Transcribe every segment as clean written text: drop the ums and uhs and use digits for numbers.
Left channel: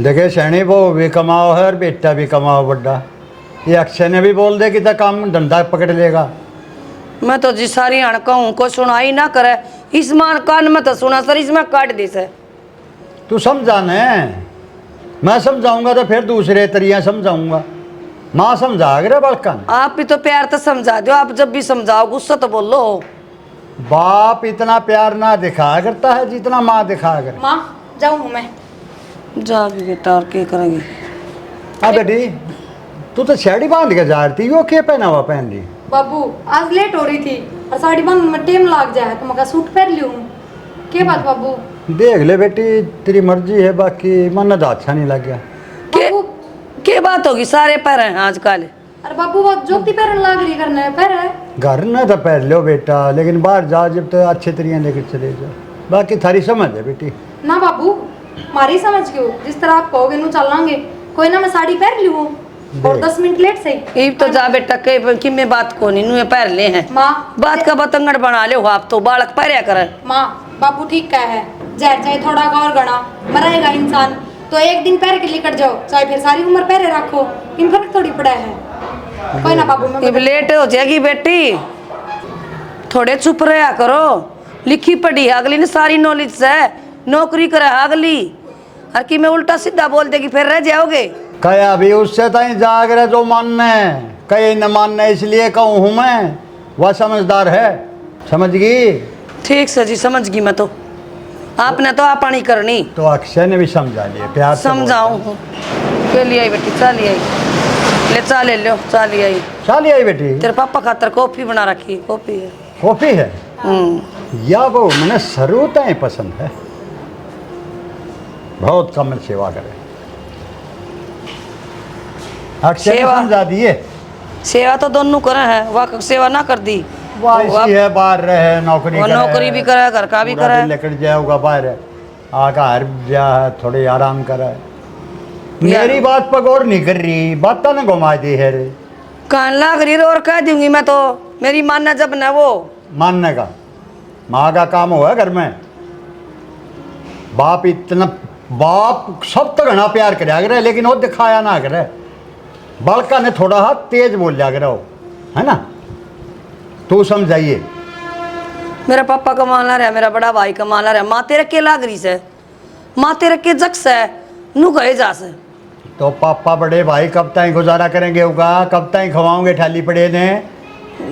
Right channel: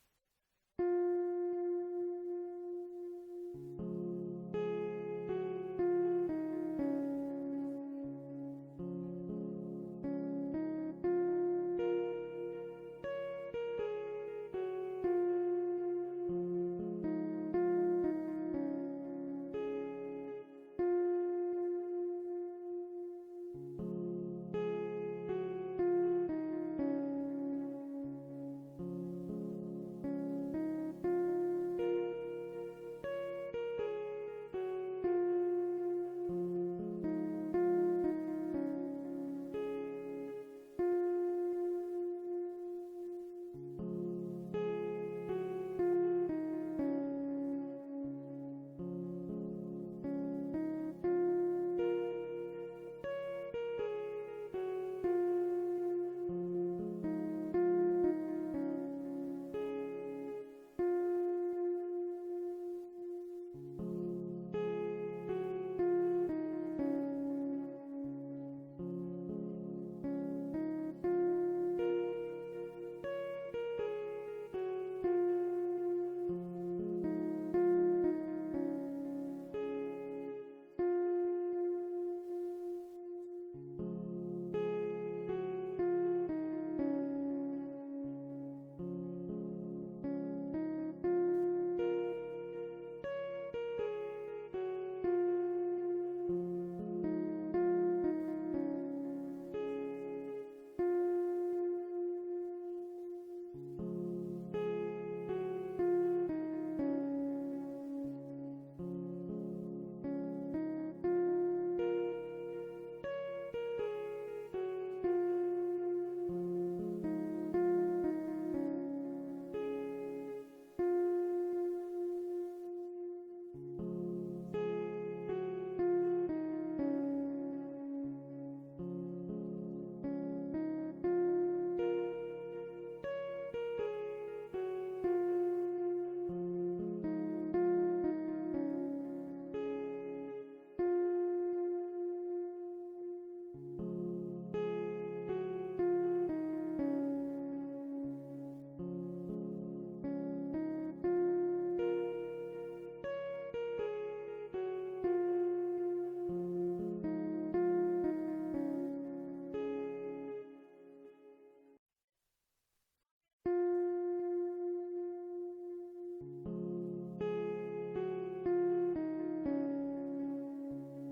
देखे सैनी वो भी कमाओ है और बेटा भी कमाओ बड्डा। ये अक्षय ने भी बोल दे कि तो काम धंधा पकड़ लेगा। मैं तो जी सारी हड़काऊं को सुनाई ना करे, इस मान कान में तो सुना सर, इसमें काट दी से। तू समझा ने, मैं समझाऊंगा तो फिर दूसरे तरिया समझाऊंगा। माँ समझा रे बड़कन। आप भी तो प्यार तो समझा दो, आप जब भी समझाओ गुस्सा तो बोलो। बाप इतना प्यार ना दिखाया करता है जितना माँ दिखाया करे। माँ जाऊँ मैं? जा भी बेटा, और क्या करेंगे। हाँ बेटी, तू तो साड़ी बांध के जा रही थी, वो क्या पहना हुआ पहन ली? बाबू आज लेट हो रही थी और साड़ी बांधने में टाइम लग जाए तो मैं सूट पहन लूँ। क्या बात बाबू? देख ले बेटी, तेरी मर्जी है, बाकी मन तो अच्छा नहीं लग गया। बाबू क्या बात होगी, सारे पैर हैं आजकल। अरे बाबू वो जोती पहन लग रही करने पैर है। घर में तो पहन लो बेटा, लेकिन बाहर जाओ जब तो अच्छे तरीके लेकर चले जाओ। बाकी थारी समझ है बेटी। ना बाबू मारी समझ क्यों, जिस तरह आप कहोगे नू चलांगे। कोई ना मैं साड़ी पहन लूँ और 10 मिनट लेट सही। ये तो जा बेटा, कि मैं बात को नहीं नुए पैर ले हैं। माँ बात का बतंगड़ बना ले हो आप तो, बालक पैरिया करे। माँ बाबू ठीक कहा है, जहर चाहे थोड़ा का और गणा मरेगा इंसान तो एक दिन पैर के लेकर जाओ, चाहे फिर सारी उम्र पैरे रखो, इन फर्क थोड़ी पड़ा है। कोई ना बाबू मैं अब लेट हो जाएगी बेटी, थोड़े चुप रहा करो। लिखी पढ़ी है अगली ने सारी नॉलेज से, नौकरी करे अगली, और कि मैं उल्टा सीधा बोल देगी फिर रह जाओगे। कया भी उससे तई जाग रहे जो मानने, कई न मानने, इसलिए कहूँ हूँ मैं। वह समझदार है, समझ गई? ठीक से जी, समझ गई मैं तो। आपने तो आप नहीं करनी तो अक्षय ने भी समझा लिया, प्यार से बोल। समझाऊं के लिए आई बेटी, चाली आई ले, चा ले लो, चाली आई। चाली आई बेटी, तेरे पापा खातर कॉफी बना रखी, कॉफी है। कॉफी है या वो मैंने सरूता ही पसंद है, बहुत कम सेवा करे। अक्षय ने सेवा? समझा दिए। सेवा तो दोनों करे हैं, वाह सेवा ना कर दी। वाह इसी है, बाहर रहे, नौकरी वो करे, नौकरी भी करे, घर का भी पूरा करे। दिन लेकर जाओगा बाहर, आका हर जा थोड़ी आराम करे। मेरी बात पर गौर नहीं कर रही, बात तो ना घुमा दी है रे। कान लाग रही और कह दूंगी मैं तो, मेरी मानना जब न वो। मानने का माँ का काम हुआ घर में। बाप इतना, बाप सब तो घना प्यार कराया करे, लेकिन वो दिखाया ना करे। बालका ने थोड़ा हाथ तेज बोल जा करे, है ना? तू समझाइए। मेरा पापा कमाना रहा, मेरा बड़ा भाई कमाना रहा, माँ तेरे के लाग रही से, माँ तेरे के जक्स है, नू कहे जा से। तो पापा बड़े भाई कब तक गुजारा करेंगे होगा, कब तक खवाओगे ठाली पड़े ने?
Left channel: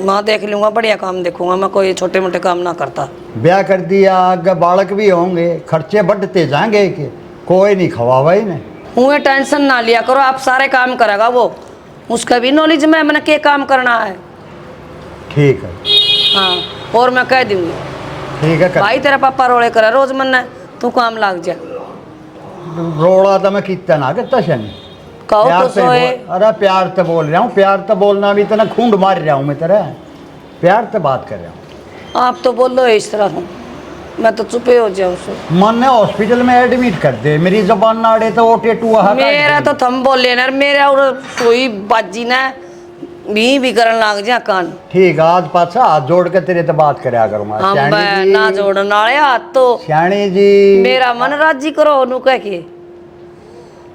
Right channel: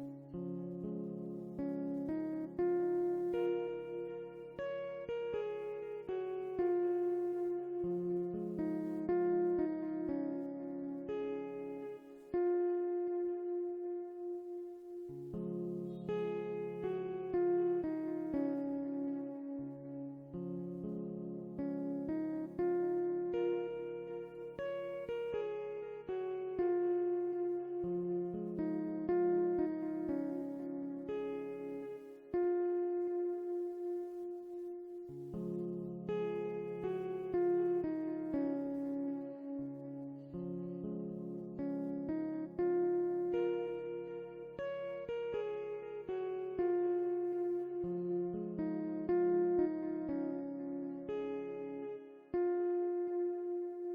माँ देख लूंगा, बढ़िया काम देखूंगा मैं, कोई छोटे मोटे काम ना करता। ब्याह कर दिया, आगे बालक भी होंगे, खर्चे बढ़ते जाएंगे कि कोई नहीं खवावा ही नहीं। मुझे टेंशन ना लिया करो, आप सारे काम करेगा वो, उसका भी नॉलेज में मैंने क्या काम करना है। ठीक है, हाँ, और मैं कह दूंगी ठीक है कर। भाई तेरा पापा रोड़े करे रोज मन, तू काम लाग जा। रोड़ा तो मैं कितना ना करता शनि, कहो प्यार तो से सोए। अरे प्यार तो बोल रहा हूँ, प्यार तो बोलना भी इतना खूंड मार रहा हूँ मैं तेरा, प्यार तो बात कर रहा हूँ। आप तो बोलो इस तरह हूँ, मैं तो चुपे हो जाऊँ सो। मन ने हॉस्पिटल में एडमिट कर दे, मेरी जबान ना अड़े तो वो टेटू मेरा तो थम बोले ना, मेरा और सोई बाजी ना भी करन लाग जा कान। ठीक है, आज पाछा हाथ जोड़ के तेरे तो बात करया करूंगा। हम श्याणी जी, ना जोड़न वाले हाथ तो श्याणी जी मेरा मन राजी करो नु कह के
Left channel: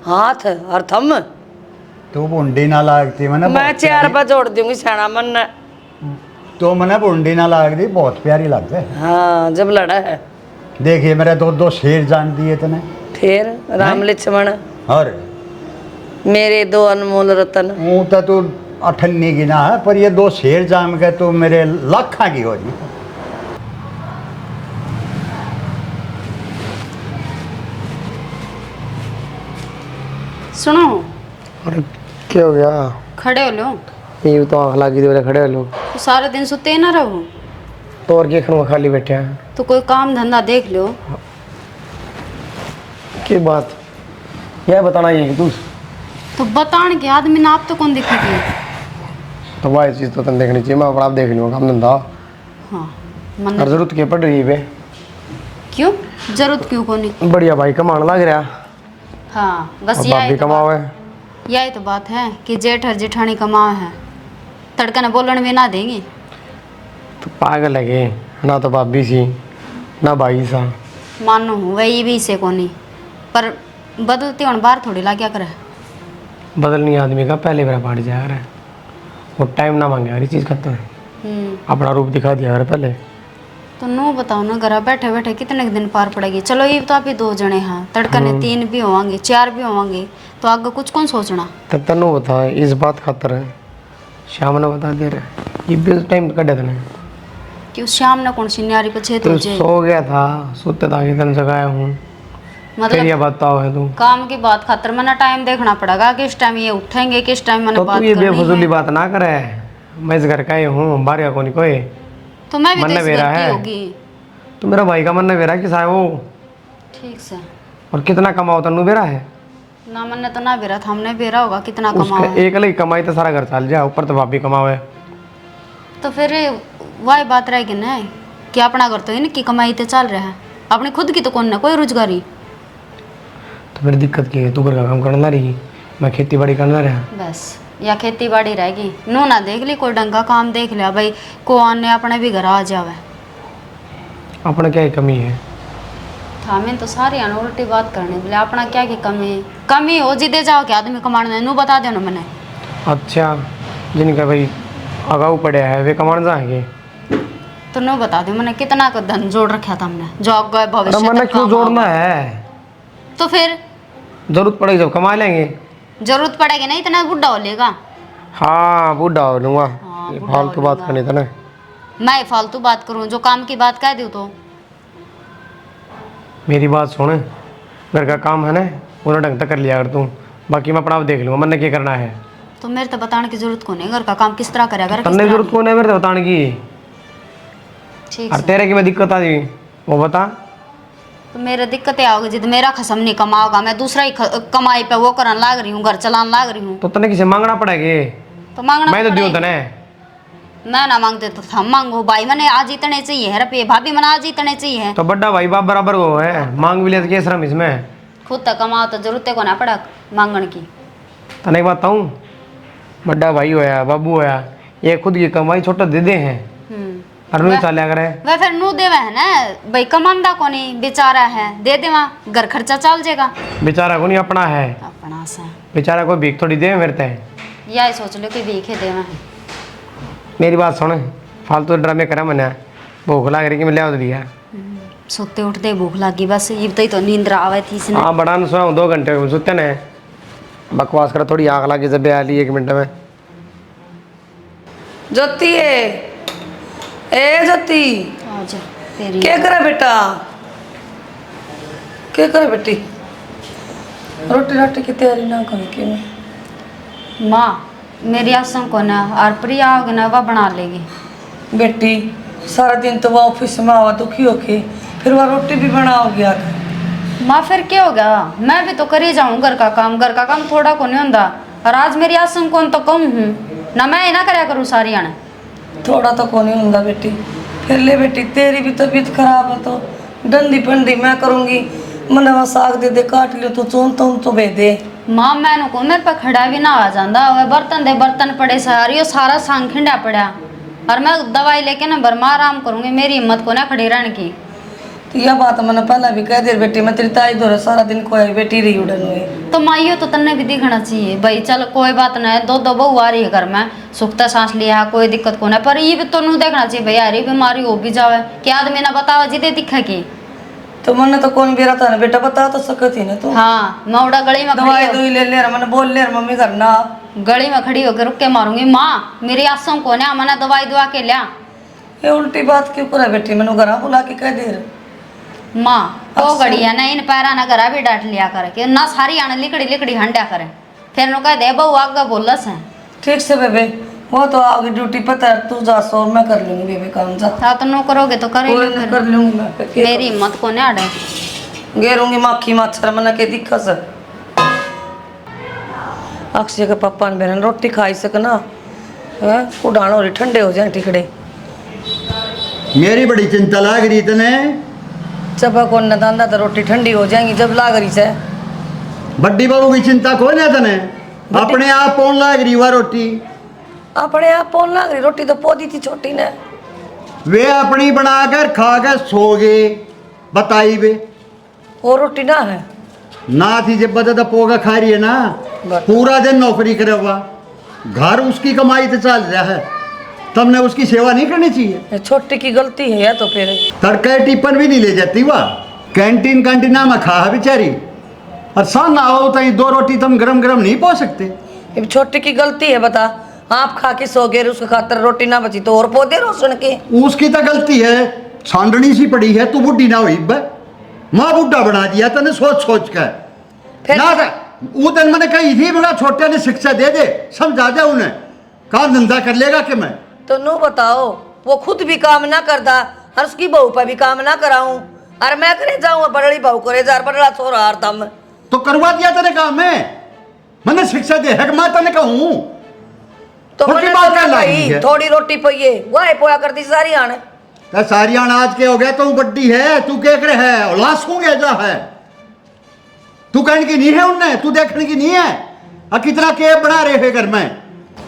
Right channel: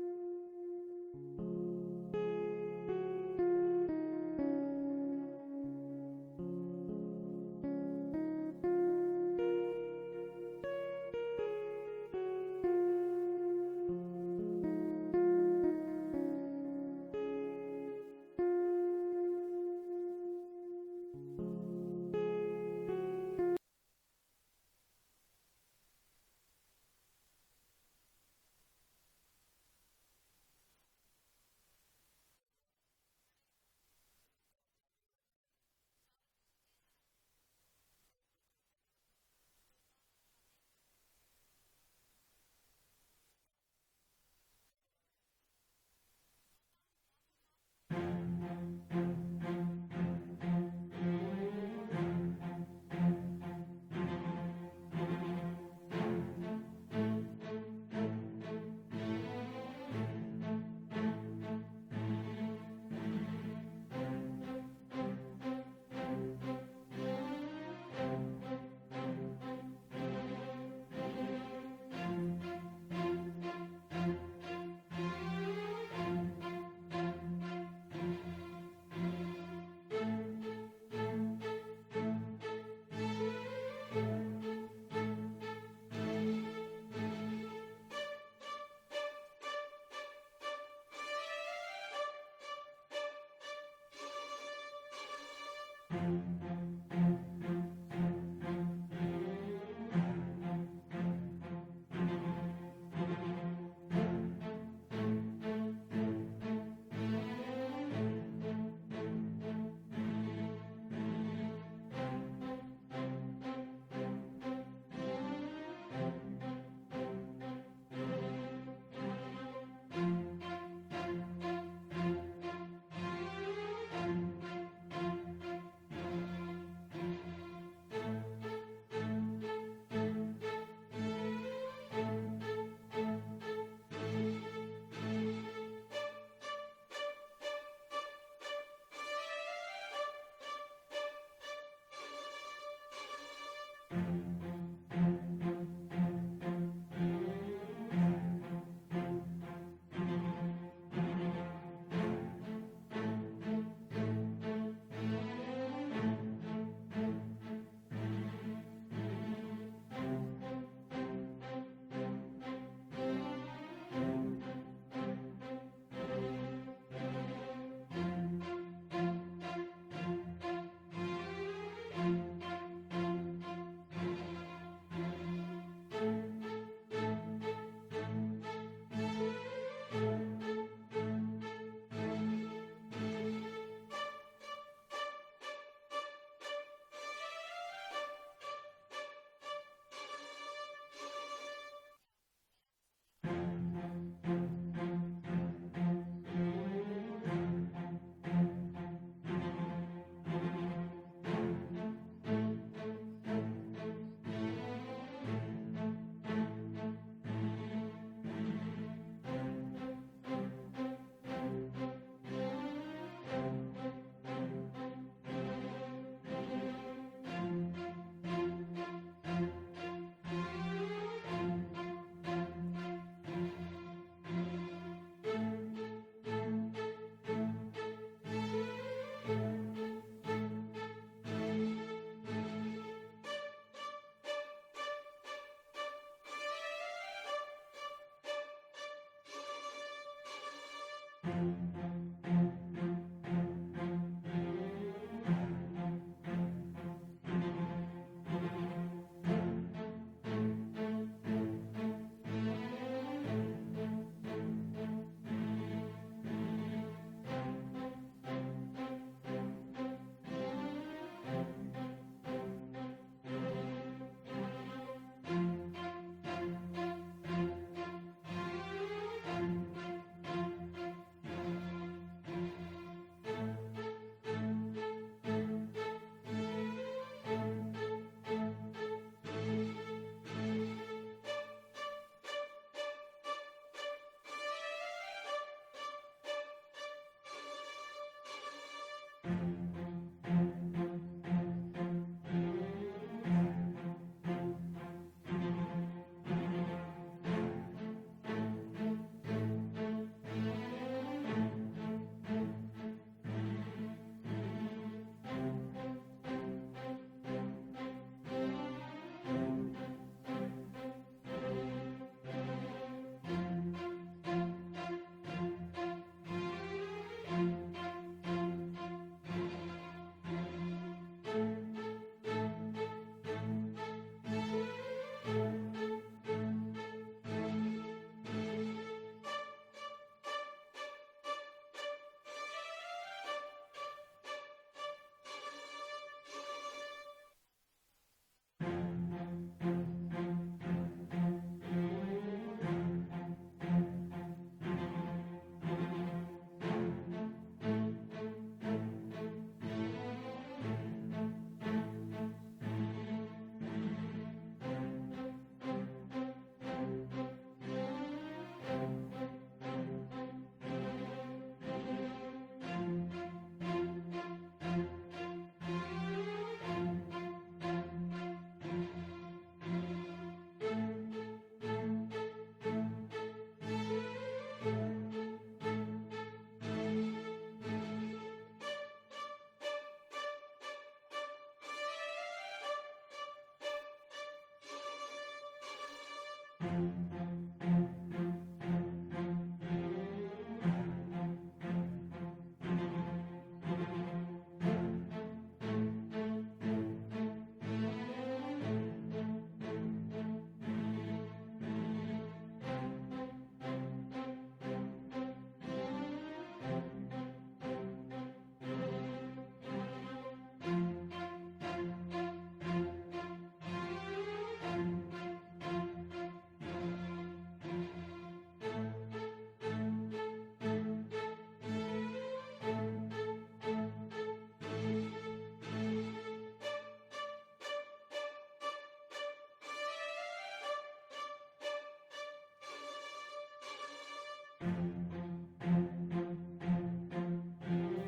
हाथ और थम। तू बुंडी ना लागती मैंने, मैं 4 बार जोड़ दूंगी सैना मन ने। तो मैंने बुंडी ना लागती, बहुत प्यारी लगती है। हाँ जब लड़ा है। देखिए मेरे दो शेर जान दिए तने, फिर राम लक्ष्मण और मेरे 2 अनमोल रतन। वो तो तू अठन्नी की ना है, पर ये 2 शेर जाम के तो मेरे लाखा की हो रही। सुनो, अरे क्या हो गया? खड़े हो लो। ये तो आँख लगी तो खड़े हो लो। तो सारा दिन सुते ना रहो, तो और क्या खड़ूंगा, खाली बैठे हैं। तो कोई काम धंधा देख लो। की बात यह बताना ये कि तू तो बताने के आदमी ना आप तो कौन दिखेगी। तो वही चीज़ तो तुम देखनी चाहिए, मैं अपना आप देख लूँगा काम धंधा। हाँ मन और जरूरत क्या पड़ रही है बे? क्यों जरूरत क्यों को नहीं। बढ़िया भाई कमाने लग रहा, हाँ बस और बाप भी कमाओ है। यही तो बात है कि जेठ और जेठानी कमाए हैं, तड़का न बोलन भी ना देंगे। तो पागल लगे ना, तो भाभी सी ना भाई सा। मानो वही भी से को नहीं, पर बदलती हूँ बाहर थोड़ी ला क्या करे। बदलनी आदमी का पहले मेरा पार्ट जाया रहा है, वो टाइम ना मांगे हर चीज़ खत्म है। अपना रूप दिखा दिया यार पहले। तो नो बताओ ना, घर बैठे बैठे कितने दिन पार पड़ेगी। चलो ये तो आप ही 2 जने हैं, तड़कने 3 भी होंगे 4 भी होंगे, तो आगे कुछ कौन सोचना। तब तनु बता इस बात खातर है शाम ने बता दे रहे ये भी टाइम कटे थे कि उस शाम ने कौन सी न्यारी पे छेद तो हो जाए। सो गया था, सोते था कि तन जगाया हूँ फिर मतलब ये बताओ है तू। काम की बात खातर मैंने टाइम देखना पड़ेगा, किस टाइम ये उठेंगे, किस टाइम मैंने तो बात तू ये करनी बेफजूली है। बात ना करे, मैं इस घर का ही हूँ, बाहर का कौन कोई। तो मैं भी तो मन इस मेरा घर की है। होगी। तो मेरा भाई का मन ने बेरा कि साहब वो ठीक से और कितना कमाओ तनु बेरा है ना, मैंने तो ना बेरा था, हमने बेरा होगा कितना उसका कमाओ। एक अलग कमाई तो सारा घर चल जाए, ऊपर तो भाभी कमाओ। तो फिर वही बात रहेगी ना कि अपना घर तो इनकी कमाई तो चल रहा है, अपनी खुद की तो कौन ना कोई रोजगारी। तो फिर दिक्कत की है, तू घर का काम करना रही, मैं खेती बाड़ी करना रहा। बस या खेती बाड़ी रहेगी, नो ना देख ली कोई ढंग का काम देख लिया भाई, को आने अपने भी घर आ जावे। अपना क्या ही कमी है। हमें तो सारी उल्टी बात करने बोले, अपना क्या की कमी हो जिदे जाओ कि आदमी कमाने नू बता देना मैंने। अच्छा जिनका भाई अगाऊ पड़े है वे कमान जाएंगे तो नो बता दो मैंने कितना का धन जोड़ रखा था हमने, जो आगे अरे भविष्य मैंने तक क्यों काम जोड़ना आएगा। है, तो फिर जरूरत पड़ेगी जब कमा लेंगे। जरूरत पड़ेगी ना, इतना बुढ़ा हो लेगा। हाँ बूढ़ा हो लूँगा, हाँ, ये बूढ़ा फालतू हो बात लूँगा। करनी था ना। मैं फालतू बात करूं, जो काम की बात कह दूं तो मेरी बात सुन, घर का काम है ना पूरा ढंग तक कर लिया अगर तू, बाकी मैं अपना आप देख लूँगा, मैंने क्या करना है। तो मेरे तो बताने की जरूरत को नहीं, घर का काम किस तरह करेगा किस तन्ने तरह जरूरत कौन है मेरे से बताने की, नहीं। ठीक और है, तेरे की मैं दिक्कत आ गई वो बता। तो मेरे दिक्कतें आओगी जिद मेरा खसम नहीं कमाओगा, मैं दूसरा ही कमाई पे वो करने लाग रही हूँ, घर चलाने लाग रही हूँ। तो तन्ने किसे मांगना पड़ेगी, तो मांगना मैं तो दियो पड़ेगा। तने। मैं ना मांगते तो हम मांगो, भाई मैंने आज इतने चाहिए है रुपये, भाभी मैंने आज इतने चाहिए। तो बड़ा भाई बाप बराबर हो है, मांग भी ले तो क्या शर्म इसमें। खुद तक कमाओ तो जरूरत को ना पड़ा मांगन की। तने एक बात बताऊँ, बड़ा भाई होया बाबू होया, ये खुद की कमाई छोटा दे दे हैं और नहीं चालिया करे। वह फिर नू देवे है ना भाई, कमांदा को नहीं बेचारा है, दे देवा घर खर्चा चल जाएगा। बेचारा को नहीं अपना है, अपना से बेचारा को भीख थोड़ी दे मेरे ते। यही सोच लो कि भीखे देवा। मेरी बात सुन, फालतू ड्रामे करा मैंने, भूख लग रही कि मैं ले दिया। सोते उठते भूख लगी, बस ये तो नींद आवे थी इसने। हाँ बड़ा न सोया 2 घंटे सोते ने, बकवास करा थोड़ी आग लगी जब आ ली 1 मिनट में। ज्योति ए ज्योति आजा तेरी क्या करे बेटा, क्या करे बेटी, रोटी राटी की तैयारी ना करी क्यों। माँ मेरी आसम को ना और प्रिया होगी ना वह बना लेगी। बेटी सारा दिन तो वह ऑफिस में आवा दुखी होके, फिर वह रोटी भी बनाओगी आकर। माँ फिर क्या हो गया, मैं भी तो कर ही जाऊँ घर का काम थोड़ा को नहीं होता। और आज मेरी आसम कौन तो कम हूँ ना, मैं ही ना कराया करूँ सारी आने। थोड़ा तो कौन ही होगा बेटी, फिर ले बेटी तेरी भी तबीयत खराब है तो डंडी पंडी मैं करूँगी, मैंने वहाँ साग दे दे काट लियो तो चोन तो भे दे। माँ मैंने को मेरे पे खड़ा भी ना आ जाता, वह बर्तन दे बर्तन पड़े सारी यो सारा सांग खिंडा पड़ा, और मैं दवाई लेके ना बरमा आराम करूँगी, मेरी हिम्मत को ना खड़ी रहने की। तो यह बात मैंने पहले भी कह दी बेटी, मैं तेरी ताई दो सारा दिन कोई बेटी रही उड़न हुई। तो माइयो तो तन्ने भी दिखना चाहिए भाई, चल कोई बात नहीं, 2 बहू आ रही है घर में, सुखता सांस लिया है, कोई दिक्कत को नहीं, पर ये भी तो नू देखना चाहिए भाई, यार बीमारी हो भी जावे क्या आदमी ना बतावे जिदे दिखे की। तो मैंने तो कौन बेरा था ना बेटा, बता तो सकती ना तू। हाँ मैं उड़ा गली में दवाई खड़ी दुई ले ले मैंने बोल ले मम्मी करना। गली में खड़ी होकर रुक के मारूंगी। माँ मेरी आसों को ना मैंने दवाई दुआ के लिया। ये उल्टी बात क्यों करे बेटी, मैंने घर बुला के कह दे। माँ तो गड़ी है ना, इन पैरा ना घरा भी डांट लिया करे कि ना सारी आने लिकड़ी लिकड़ी हंडा करे, फिर नु कह दे बहू आगे बोलस है। ठीक से बेबे, वो तो आगे ड्यूटी पता है, तू जा सो मैं कर लूंगी बेबे काम जा। हाँ तो नो करोगे तो करे कोई ना कर लूंगी मैं, मेरी हिम्मत को नहीं आड़े। गेरूंगी माखी मच्छर मना के दिक्कत है। अक्षय के पापा ने बहन रोटी खाई सकना है, उड़ान हो रही ठंडे हो जाए टिकड़े। मेरी बड़ी चिंता लाग रही तने, चबा को न दांदा तो रोटी ठंडी हो जाएंगी जब लाग रही से। बड्डी बहू की चिंता कोई ना तने, अपने आप कौन लाग रही हुआ रोटी, अपने आप कौन लाग रही रोटी, तो पौधी थी छोटी ने, वे अपनी बनाकर खाकर सो गए, बताई वे। वो रोटी ना है ना थी जब बता पोगा खा रही है ना, पूरा दिन नौकरी करे हुआ, घर उसकी कमाई तो चल रहा है, तुमने उसकी सेवा नहीं करनी चाहिए। ये छोटी की गलती है या तो फिर तड़के टिफिन भी नहीं ले जाती वह, कैंटीन कैंटीना में खा है बेचारी, और सान ना हो तो 2 रोटी तुम गरम गरम नहीं पो सकते। ये छोटी की गलती है, बता आप खा के सो गए, उसके खातर रोटी ना बची तो और पौधे रोशन के। उसकी तो गलती है, छांडनी सी पड़ी है, तू बुढ़ी ना हुई बे, माँ बुढ़ा बना दिया तने सोच सोच कर। फिर ना वो दिन मैंने कही थी मेरा छोटे ने शिक्षा दे दे, समझा दे उन्हें, काम धंधा कर लेगा कि मैं। तो नो बताओ, वो खुद भी काम ना करता और उसकी बहू पर भी काम ना कराऊं, और मैं करे जाऊं बड़ी बहू करे जा, बड़ा छोरा हार तम तो करवा दिया तेरे काम में, मैंने शिक्षा दे है कि मैं तने कहूं तो छोटी मैंने बात तो क्या ना लगी कही, है? थोड़ी रोटी पइए वह पोया करती सारी आने। तो सारी अनाज के हो गया, तू बड्डी है, तू क्या करे है, लाश हो गया जा है, तू कहने की नहीं है उनने, तू देखने की नहीं है, और कितना के बना रहे हैं घर में।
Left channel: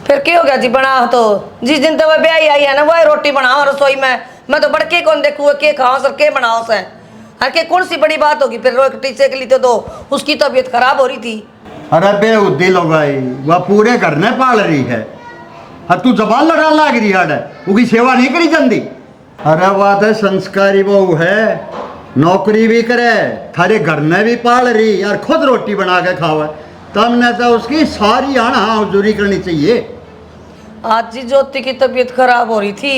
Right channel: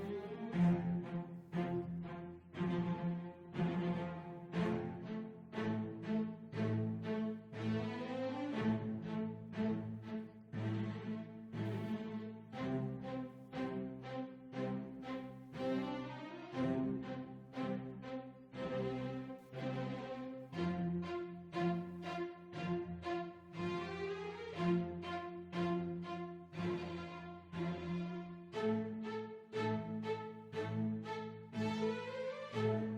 फिर क्या हो गया जी, बना तो जिस दिन तो वह ब्याह आई है ना वह रोटी बनाओ रसोई में, मैं तो बड़के कौन देखूँ के खाओ सर के बनाओ से, हर के कौन सी बड़ी बात होगी। फिर रोटी सेक ली तो उसकी तबीयत खराब हो रही थी। अरे बेहुदी लोग भाई, वह पूरे घर ने पाल रही है, और तू जबान लड़ा लाग रही है, उसकी सेवा नहीं करी जाती। अरे बात है संस्कारी बहू है, नौकरी भी करे, थारे घर में भी पाल रही और खुद रोटी बना के खावे, तुमने तो उसकी सारी आना हजूरी करनी चाहिए। आज जी ज्योति की तबीयत खराब हो रही थी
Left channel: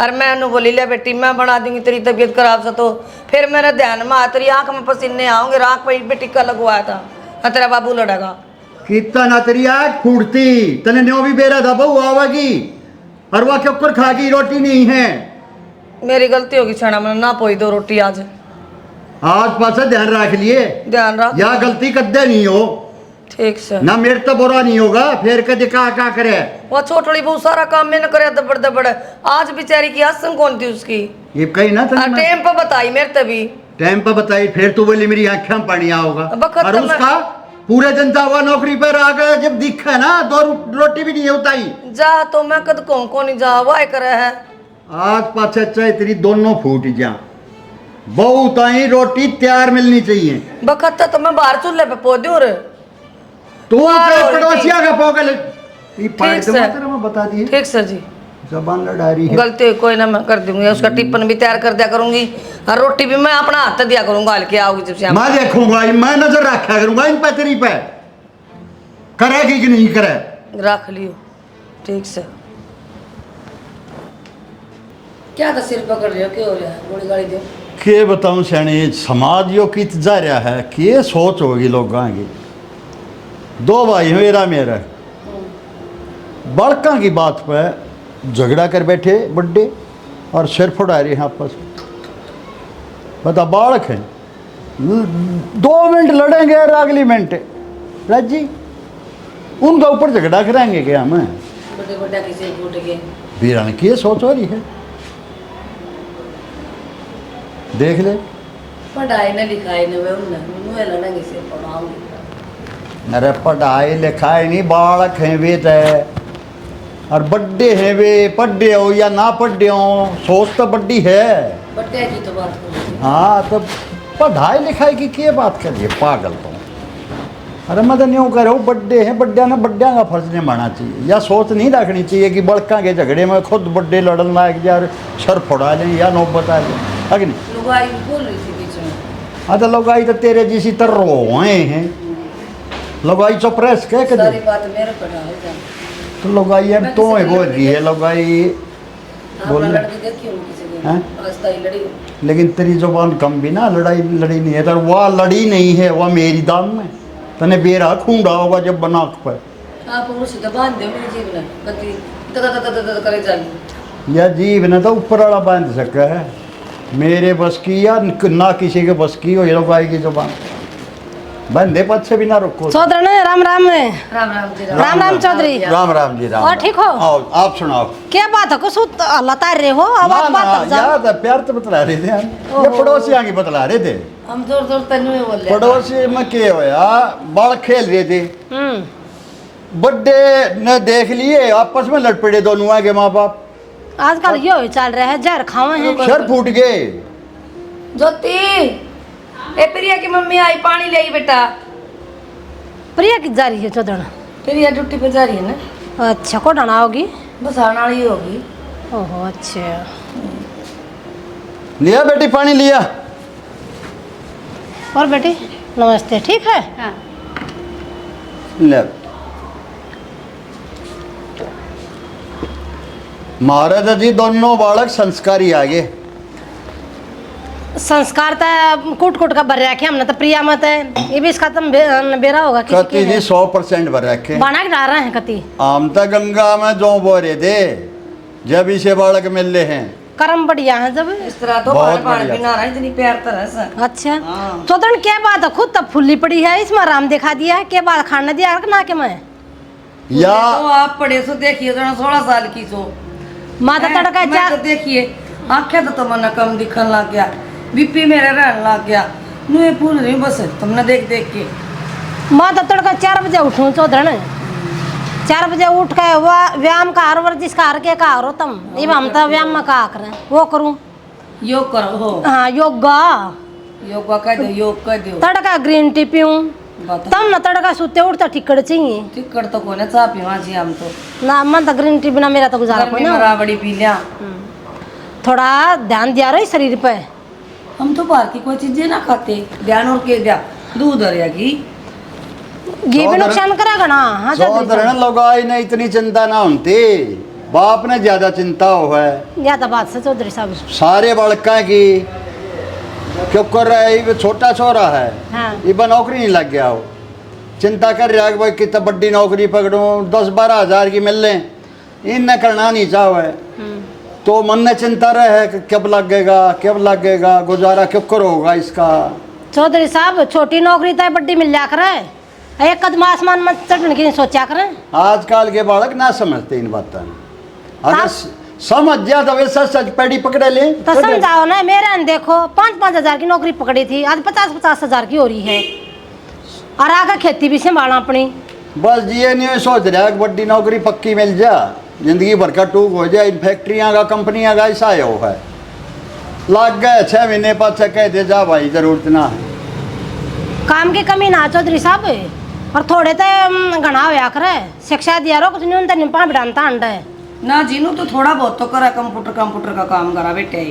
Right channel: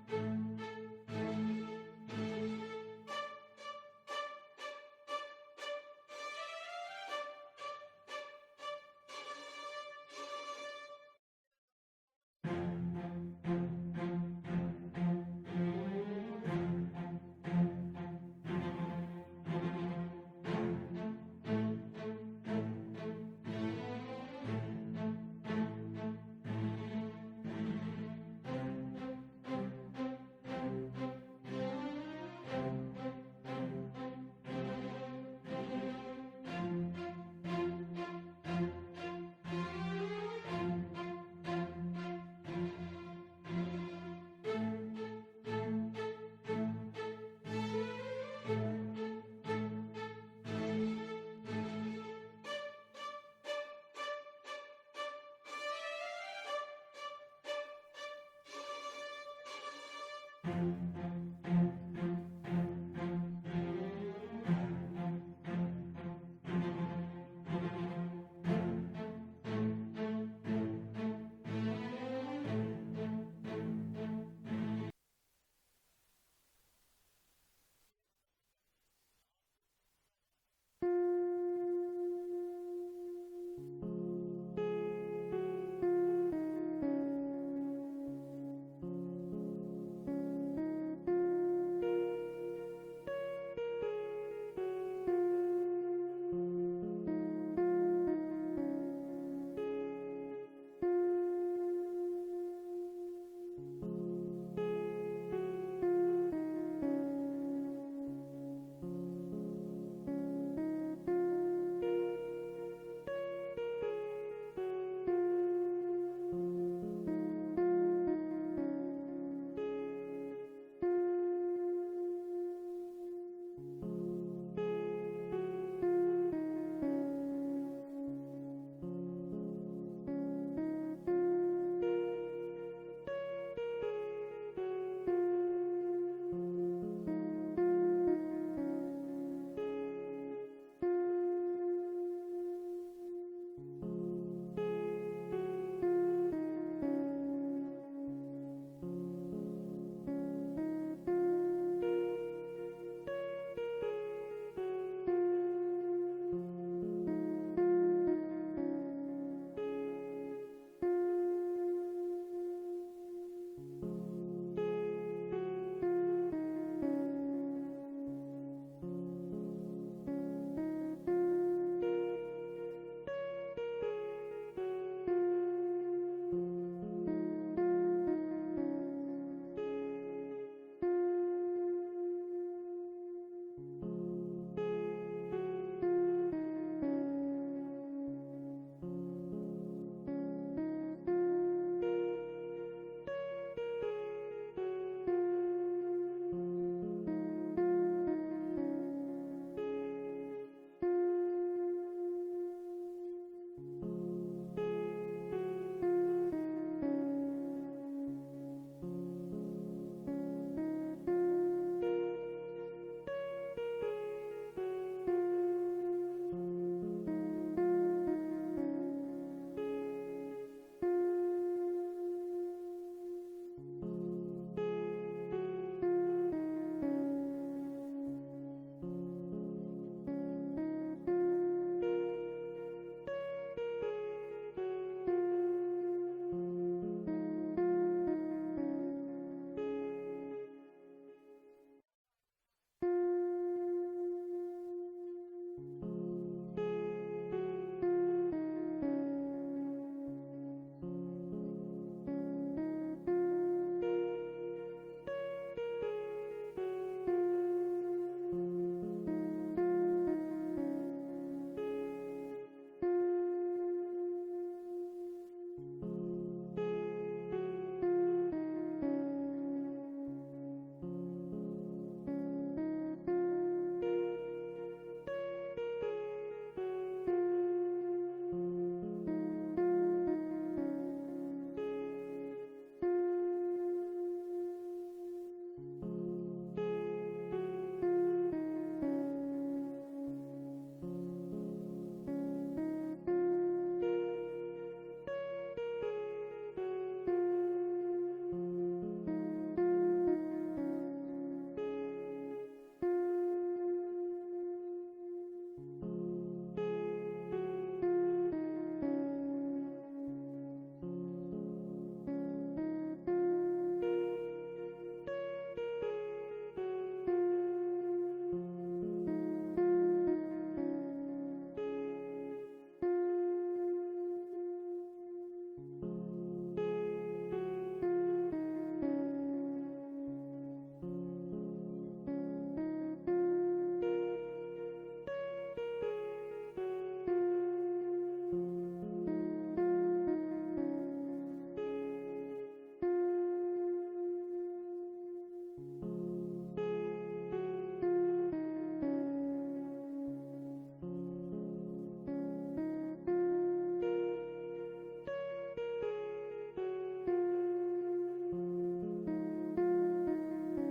और मैं उन्हें बोली ले बेटी मैं बना दूंगी तेरी तबीयत खराब से, तो फिर मेरे ध्यान में तेरी आंख में पसीने आओगे, आंख पे टिक्का लगवाया था और तेरा बाबू लड़ेगा। कितना ना तेरी आग फूटती, तने न्यो भी बेरा था बहू आवेगी, और वह क्यों कर खागी रोटी नहीं है। मेरी गलती होगी छाना, मैंने ना पोई 2 रोटी आज पास ध्यान रख लिए, ध्यान रख या गलती कदे नहीं हो, ठीक से ना मेरे तो बुरा नहीं होगा, फिर कदे का करे। वो छोटड़ी बहुत सारा काम मैंने करे दबड़ दबड़, आज बेचारी की आसन कौन थी उसकी, ये कही ना और टाइम पर बताई मेरे तभी टाइम पर बताई, फिर तू बोली मेरी आंखें में पानी आओगा, बखत और तो मैं- उसका पूरे दिन हुआ नौकरी पर आ गया, जब दिखा ना 2 रोटी भी नहीं होता ही। जा तो मैं कद को नहीं जा वाह करे है। आज पाछे चाहे तेरी दोनों फूट जा, बहुत ही रोटी तैयार मिलनी चाहिए। बखत तो मैं बाहर चूल्हे पे पौधे और तू बाहर चाहे हो रही पड़ोसिया का पोगल ठीक से। मैं बता दिए, ठीक सर जी, जबान लड़ा रही है। गलती कोई ना मैं कर दूंगी, उसका टिफिन भी तैयार कर दिया करूंगी और रोटी भी मैं अपना हाथ दिया करूंगा, हल्के आओगी जब से। मैं देखूंगा, मैं नजर रखा करूंगा इन पे, तेरी पे करेगी कि नहीं करे। रख लियो ठीक से। क्या था सिर पकड़ रहे हो, क्यों हो रहा है, गोली गाड़ी दो। के बताऊं सैनी, समाज यो की जा रहा है, के सोच होगी लोगों की। 2 भाई मेरा मेरा बड़का की बात पे झगड़ा कर बैठे बड्डे, और सिर फुड़ा रहे हैं आपस में। बता बालक है, 2 मिनट लड़ेंगे और अगली मिनट राजी उनका ऊपर झगड़ा कराएंगे क्या हम। बड़े बड़ा किसी फूट गए वीरान की सोच हो रही है, देख ले। पढ़ाई न लिखाई न वे उन्हें लड़ा किसी पढ़ाऊंगी। अरे पढ़ाई लिखाई नहीं, बालक हैं वे तय, और बड्डे हैं वे, पढ़े हो या ना पढ़े हो, सोच तो बड्डी है। बड्डे की तो बात करो। हाँ तो पढ़ाई लिखाई की क्या बात करिए, पागल तो। अरे मैं तो न्यू कह रहा हूँ, बड्डे हैं, बड्डिया का फर्ज नहीं मानना चाहिए, या सोच नहीं रखनी चाहिए कि बड़का के झगड़े में खुद बड्डे लड़न लायक या सर फोड़ा लें या नौबत आ जाए, है कि नहीं। लुगाई बोल रही थी बीच में। हाँ तो लगाई तो तेरे जैसी तर रोए हैं, लगाई चुप रह के सारी बात मेरे पर है क्या? तो लगाई हम तो ही बोल रही है लगाई आप बोल लड़की देखी हूँ किसी दिन, हैं? आज तक लड़ी हूँ। लेकिन तेरी जुबान कम भी ना, लड़ाई लड़ी नहीं है, तो वह लड़ी नहीं है, वह मेरी दाम में तने बेरा खूंडा होगा जब बना पर। आप उसे तो बांध दो मेरे जीव ने, कभी तक करे जाली। या जीव ने तो ऊपर वाला बांध सका है, मेरे बस की या ना किसी के बस की हो ये लगाई की जुबान, बंदे पद से भी ना रुको। चौधरी ने राम राम ने राम राम जी राम राम चौधरी। राम राम जी राम। और ठीक हो? आओ आप सुनाओ। क्या बात है, कुछ लतार रहे हो अब ना आप ना बात जा। याद है, प्यार तो बतला रहे थे हम, ये पड़ोसी आगे बतला रहे थे। हम जोर जोर तनु में बोल रहे पड़ोसी में क्या होया, बाल खेल रहे थे, बड्डे ने देख लिए, आपस में लड़ पड़े दोनों आगे माँ बाप, आजकल यो ही चल रहा है, जहर खावे हैं। सर फूट गए। ज्योति ए प्रिया की मम्मी आई, पानी ले आई बेटा। प्रिया की जा रही है चौधरी? प्रिया ड्यूटी पे जा रही है ना। अच्छा, को डाना होगी? बस आने वाली होगी। ओहो अच्छा। लिया बेटी पानी लिया। और बेटी नमस्ते, ठीक है? हाँ। ले महाराजा जी दोनों बालक संस्कारी आगे। संस्कार तो कूट कूट का भर रखे हमने तो प्रिया मत है, ये भी इसका तुम बेरा होगा किसी कति जी के 100% भर रखे। बना के डाल रहे हैं कति। आम तो गंगा में जो बोरे थे जब इसे बालक मिल रहे हैं। कर्म बढ़िया है जब। इस तरह तो बहुत पानी बढ़िया। बिना रहा इतनी प्यार तरह से। अच्छा चौधरी क्या बात है, खुद तब फुल्ली पड़ी है, इसमें आराम दिखा दिया है, क्या बात खाने दिया ना के मैं या तो आप पढ़े सो देखिए, जरा 16 साल की सो माता तड़का मैं चार तो देखिए आंखें तो तुमने कम दिखने लग गया, बीपी मेरा रहने लग गया, मुझे भूल रही बस तुमने देख देख के। माता तड़का 4 बजे उठूं चौधरी, 4 बजे उठ के व्यायाम का हर वर्जिश का हर के का हो तुम, ये हम तो व्यायाम में का करें वो करूं। योग करो हो, हाँ योगा योगा कह दो, योग कह दो। तड़का ग्रीन टी पीऊं बता तब न तड़का सुते उठता टिकट चाहिए टिकट तो कोने चाह पीवा जी हम तो ना, मन तो ग्रीन टी बिना मेरा तो गुजारा कोई गर्मी में ना। राबड़ी पी लिया। थोड़ा ध्यान दिया रही शरीर पे। हम तो बाहर की कोई चीजें ना खाते, ध्यान और के दिया दूध और घी घी भी नुकसान करेगा ना। हाँ चौधरी लोग आई ने इतनी चिंता ना होती, बाप ने ज्यादा चिंता हो है। ज्यादा बात से चौधरी साहब। सारे बालका की क्यों कर रहा है, ये छोटा छोरा है, हाँ। ये नौकरी नहीं लग गया हो, चिंता कर रहा है कि भाई कितना बड़ी नौकरी पकड़ूं, 10-12 हजार की मिल लें, इनने करना नहीं चाहे। तो मन में चिंता रहे कि कब लगेगा गुजारा क्यों करोगा इसका। चौधरी साहब छोटी नौकरी तो बड़ी मिल जा करे, एक कदम आसमान में चढ़ने की नहीं सोचा करें। आजकल के बालक ना समझते इन बातों, अगर समझ जा तो वैसा सच पेड़ी पकड़े ले तो समझाओ ना, मेरे ने देखो 5-5 हजार की नौकरी पकड़ी थी, आज 50-50 हजार की हो रही है, और आगे खेती भी संभालना अपनी। बस ये नहीं सोच रहा कि बड़ी नौकरी पक्की मिल जा, जिंदगी भर का टूक हो जाए। इन फैक्ट्रियां का कंपनियां का ऐसा है, लग गए 6 महीने पास कह दे जा भाई जरूरत ना है। काम की कमी ना चौधरी साहब, और थोड़े तो घना होया करे, शिक्षा दिया रो कुछ नहीं उनते निपा बिडानता अंडा है ना जीनू तो थोड़ा बहुत तो करा, कंप्यूटर का काम करा बेटे।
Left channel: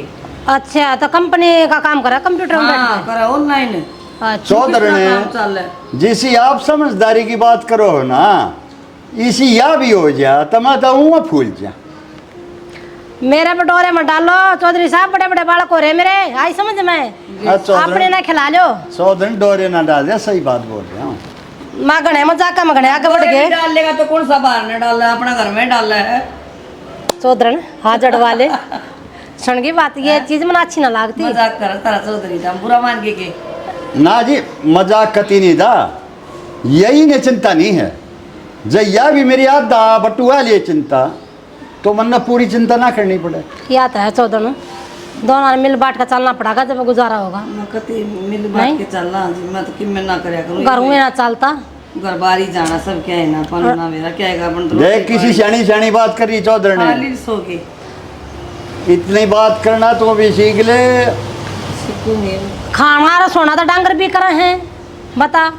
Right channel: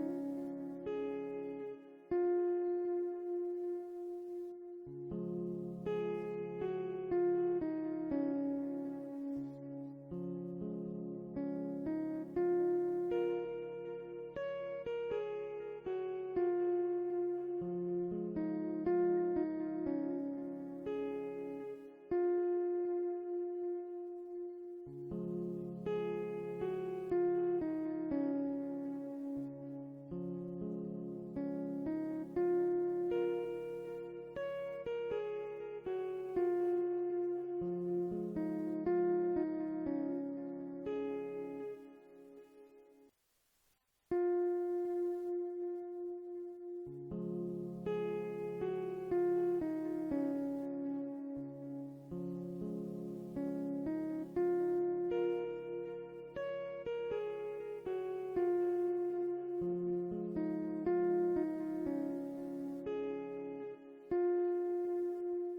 अच्छा तो कंपनी का काम करा कंप्यूटर में हाँ बैठ करा ऑनलाइन। के? अच्छा चौधरी काम चल रहा है। ने जिसी आप समझदारी की बात करो हो ना, इसी या भी हो जा तो मैं तो फूल जा। मेरे बटोरे में डालो चौधरी साहब, बड़े बड़े बालक हो रहे मेरे, आई समझ में अपने ना खिला लो। चौधरी डोरे ना डाल दे, सही बात बोल रहा हूँ। माँ गणे मजाक में गणे आगे बढ़ गए। डाल लेगा तो कौन सा बाहर ने डाला, अपना घर में डाला है। चौधरी हाथ जड़वा ले, सुन की बात ये चीज मना अच्छी ना लगती। मजाक कर तारा चौधरी था बुरा मान के ना जी मजाक कती नहीं था, यही ने चिंता नहीं है। जया भी मेरी आधा बटुआ लिए चिंता, तो मन ने पूरी चिंता ना करनी पड़े। क्या तो है चौधरी, दोनों मिल बांट कर चलना पड़ेगा जब गुजारा होगा। मैं कति मिल बात के चलना जी, मैं तो किम ना करया करूं। घर में ना चलता, घर बाहर ही जाना सब क्या है ना, पन्ना मेरा क्या है अपन तो देख किसी सियानी बात करी चौधरी ने, खाली सो के इतनी बात करना तो भी सीख ले। खाना और सोना तो डांगर भी करे हैं, बता।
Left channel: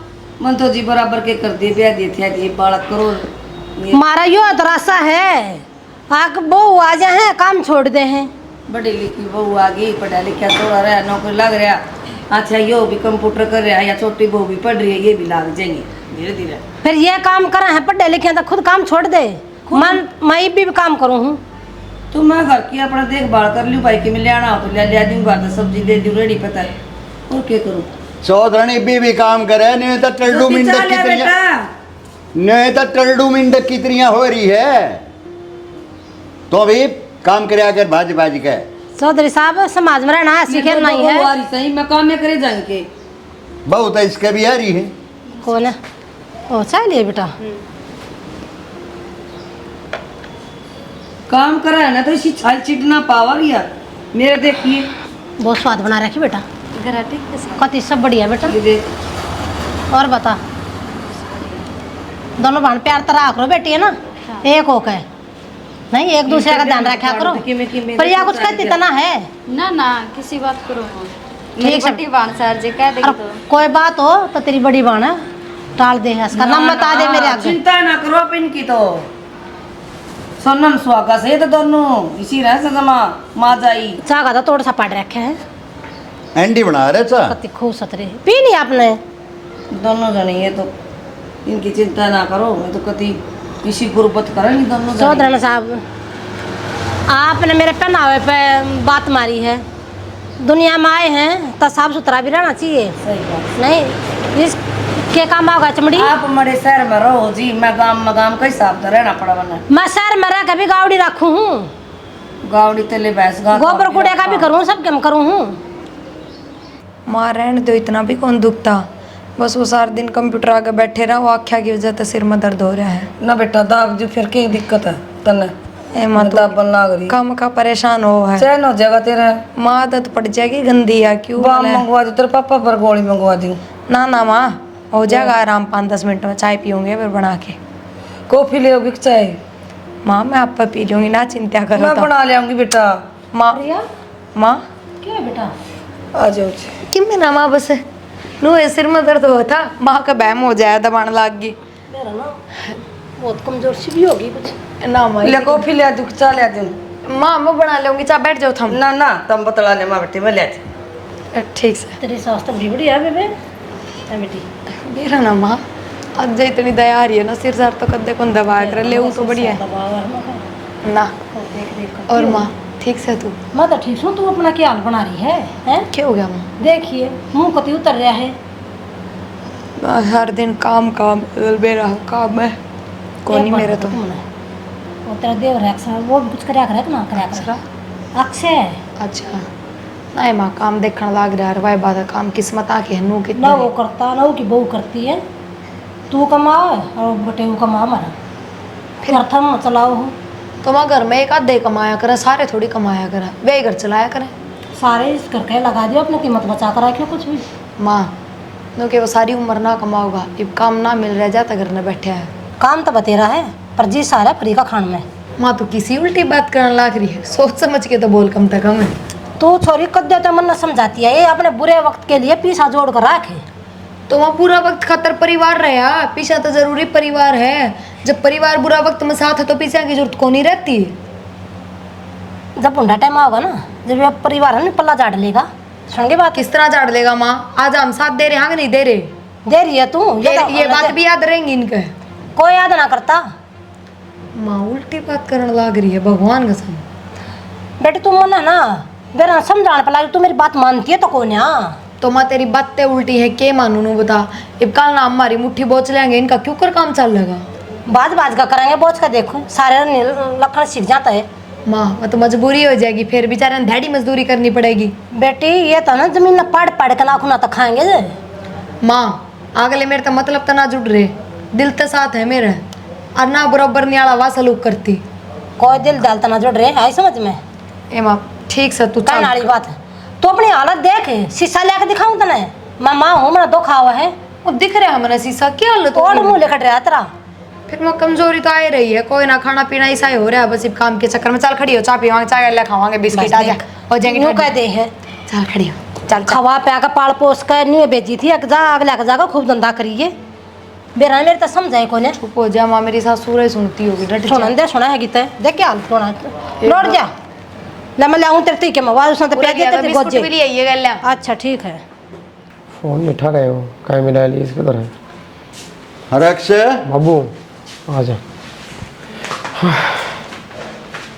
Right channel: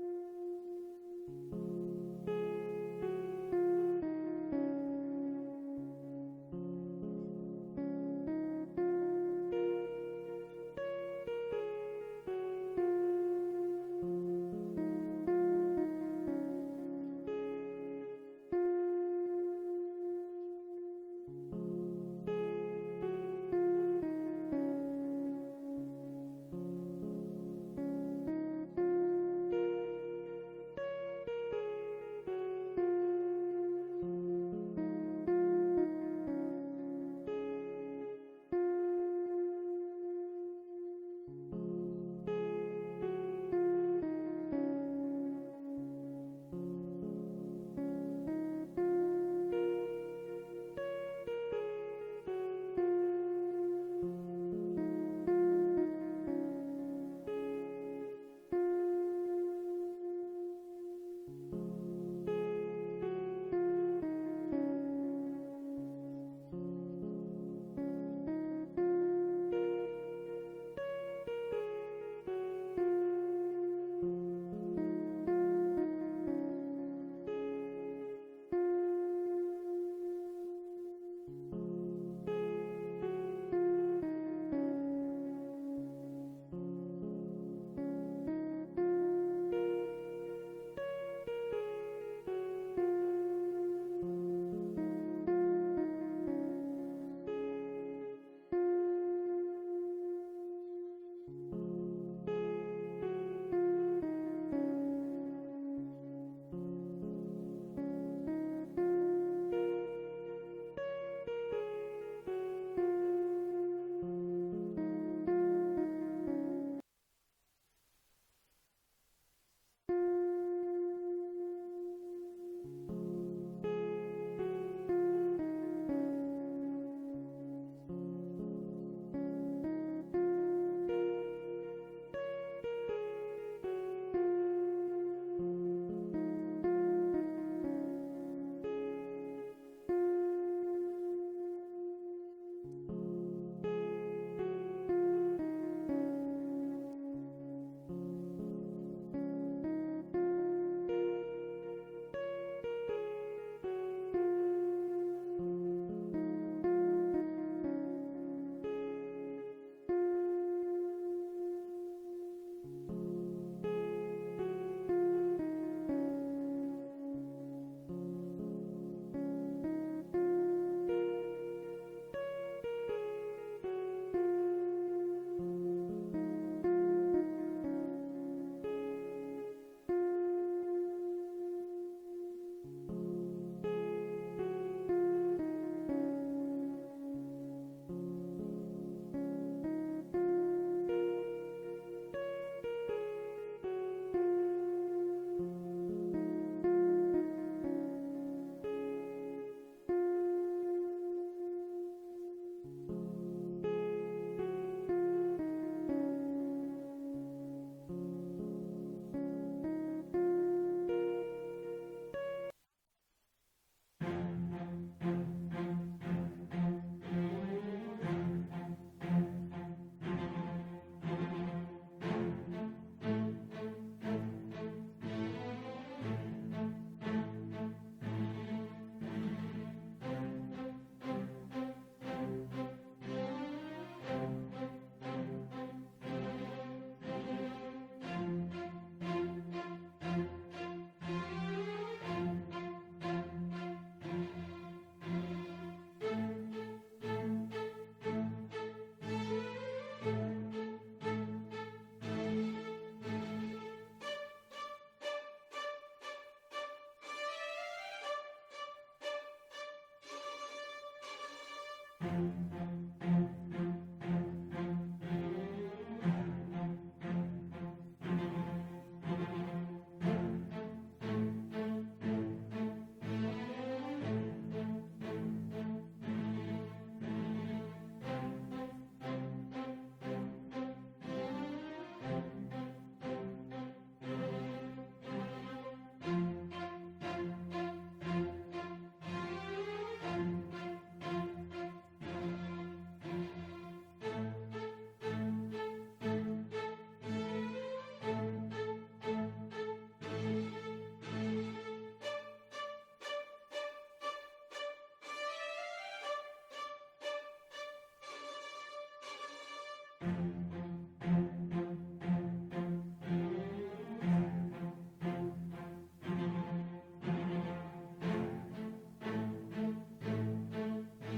मन तो जी बराबर के कर दिए ब्याह दिए थे ये बालक करो ये मारा यो अतरासा है, आग बहू आ जाए हैं काम छोड़ दे हैं। बड़ी लिखी बहू आ गई, पढ़ा लिखा थोड़ा रहा, नौकरी लग रहा, अच्छा यो भी कंप्यूटर कर रहा है, या छोटी बहू भी पढ़ रही है, ये भी लग जाएंगे धीरे धीरे। फिर ये काम करा है पढ़े लिखे तो खुद काम छोड़ दे, मन मैं भी काम करूँ हूँ। तो मैं घर की अपना देखभाल कर लूँ, भाई के में ले आना हो तो ले दूँ, घर तो सब्जी ले दूँ रेडी पता है, और क्या करूँ। चौधरी भी काम करे, नहीं तो टल्डू मिंडक की तरिया, नहीं तो टल्डू मिंडक की तरिया हो रही है, तो भी काम करे कर भाज के। चौधरी साहब समाज में रहना सीखे नहीं है। सही मैं काम में करे जाएंगे बहुत है इसके भी आ रही है। कौन है? ओ चलिए बेटा, काम करा है ना तो इसी छाल चिटना पावा लिया मेरे देखिए बहुत स्वाद बना रखी बेटा, कति सब बढ़िया बेटा। ये देख और बता, दोनों बहन प्यार तरह करो बेटी है ना, एक होके नहीं एक दूसरे का ध्यान रखा करो। पर यह कुछ कहती तना है ना ना किसी बात करो मेरी बड़ी बाण सर जी कह देगी और तो कोई बात हो तो तेरी बड़ी बाण है, टाल दे, इसका नाम बता दे मेरे आगे। चिंता ना करो आप इनकी तो सोनम सुहागा से तो दोनों इसी रह सजमा माँ जाई चागा तो थोड़ा सा पड़ रखे है, एंडी बना रहे चा कति खूब सतरे पी नहीं आपने। दोनों जने ये तो इनकी चिंता ना करो, मैं तो कभी किसी गुर्बत करे नहीं दोनों जने। चौधरी साहब, आपने मेरे पहनावे पे बात मारी है, दुनिया में आए हैं तो साफ सुथरा भी रहना चाहिए। सही बात। नहीं इसके काम होगा चमड़ी। आप हमारे शहर में रहो जी, मैं गांव का हिसाब से रहना पड़ा वरना मैं शहर में रह कभी गावड़ी रखू हूँ, गावड़ी तेले भैंस गा गोबर कूड़े का भी करूँ, सब काम करूँ हूँ। माँ रहने दो, इतना भी कौन दुखता, बस वो सारा दिन कंप्यूटर आगे बैठे रहा, वो आख्या की वजह से सिर में दर्द हो रहा है। ना बेटा दाब जो फिर क्या दिक्कत है तने ए माँ तो दाब बन लाग रही कम का परेशान हो है, चैन हो जाएगा तेरा। माँ आदत पड़ जाएगी गंदी या क्यों बाम बोले? मंगवा दो, तेरे पापा पर गोली मंगवा दी। ना ना माँ हो जाएगा आराम, 5-10 मिनट में चाय पियूंगे फिर बना के। कॉफी ले आओगी चाय? माँ मैं आप पर पी लूंगी, ना चिंता करो। मैं तो बना ले आऊंगी बेटा। माँ माँ क्या है बेटा? आ जाओ जी। कि मैं ना माँ बस नो ये सिर में दर्द हुआ था, माँ का बहम हो जाए, दबाने लग गई। मेरा ना बहुत कमजोर सी भी होगी कुछ। ना माँ ले कॉफी ले आ दूँ, चाय ले आ दूँ? माँ मैं बना लूंगी, चाह बैठ जाओ थम। ना ना तुम बतला ले माँ बेटी, मैं ले आती। ठीक से तेरी सास तो बड़ी बढ़िया है बेबे, है बेटी। मेरा ना माँ आज इतनी दया आ रही है ना, सिर सार तो कद्दे कौन दबा कर ले तो बढ़िया है ना। और माँ ठीक से तू? मैं तो ठीक हूँ, तू अपना क्या हाल बना रही है, हैं? क्या हो गया माँ? देखिए मुंह कति उतर रहा है। हर दिन काम काम बेरा काम है कोई नहीं मेरे तो। वो तेरा देव है अक्सर, वो भी कुछ करया करे ना करया करे अक्सर। अच्छा नहीं माँ काम देखने लग रहा है, बात है काम किस्मत आके है नू ना कितना वो करता ना वो की बहू करती है, तू कमा और बेटे वो कमा हमारा, फिर अर्थम चलाओ हो। तो माँ घर में एक आधे कमाया करे, सारे थोड़ी कमाया करे, वे घर चलाया करे। सारे इस करके लगा दियो, अपनी कीमत बचा कर रखियो कुछ भी। माँ क्योंकि वो सारी उम्र ना कमाओगा, अब काम ना मिल रहा जाता घर में बैठे है। काम तो बतेरा है पर जी सारा फ्री का खान में। माँ तो किसी उल्टी बात करने लग रही है, सोच समझ के तो बोल कम तक कम है। तो छोरी कद्दे तो मन न समझाती है, ये अपने बुरे वक्त के लिए पीछा जोड़ कर रखे। तो वहाँ पूरा वक्त खातर परिवार रहा, पीछा तो जरूरी परिवार है। जब परिवार बुरा वक्त में साथ है तो पीछा की जरूरत को नहीं रहती। जब बुढ़ा टाइम आओगा ना, जब ये परिवार है ना पल्ला झाड़ लेगा, सुन के बात किस तरह झाड़ लेगा माँ? आज हम साथ दे रहे हैं कि नहीं दे रहे? दे रही है तू, ये बात भी याद रहेंगी इनके। कोई याद ना करता। माँ उल्टी बात करने लग रही है, भगवान कसम। बेटे तू मन है ना बेरा समझाने पर लगी, तू मेरी बात मानती है तो कौन है? तो माँ तेरी बातें उल्टी है, के मानू नू बता। अब कल ना हमारी मुट्ठी बोच लेंगे, इनका क्यों कर काम चल लेगा? बाज बाज का करेंगे, बोझ का देखो सारे लखन सीख जाता है। माँ वो तो मजबूरी हो जाएगी, फिर बेचारे ढेड़ी मजदूरी करनी पड़ेगी। बेटी ये तो ना जमीन ना पढ़ पढ़ के नाखूना तो खाएंगे जे। माँ अगले मेरे तो मतलब तो ना जुड़ रहे, दिल तो साथ है मेरे, और ना बराबर न्याला वा सलूक करती। कोई दिल दाल तो ना जुड़ रहे आई समझ में। ए माँ ठीक से तू कहने वाली बात है, तू अपनी हालत देख, शीशा लेके दिखाऊं तने? मैं माँ हूँ, मेरा दुख हुआ है। वो दिख रहा है हमारा शीशा, क्या हालत हो और गई? मुँह लेकर रहा तेरा। फिर मैं कमजोरी तो आ ही रही है, कोई ना खाना पीना ऐसा ही हो रहा है, बस इस काम के चक्कर में। चल खड़ी हो, चाय पीवांगे, चाय ले खावांगे, बिस्किट आ जा हो जाएंगे। यूं कह दे है, चल खड़ी हो, चल खवा पे का पाल पोस कर नहीं बेची थी, जा अगला का जाकर खूब धंधा करिए। बेरा मेरे तो समझाए कोने। चुप हो जा माँ, मेरी सास सूरज सुनती होगी। डट जा। सुना दे, सुना है गीत देख क्या हाल सुना लौट जा। ले मैं लाऊं तेरे ती के मवाज उसने तो पूरा प्याज देते बिस्कुट गोजे। भी ले आइए गल्ला। अच्छा ठीक है। फोन में उठा रहे हो, कहीं मिला ली इसके तरह। अरे अक्षय, बाबू आ जा।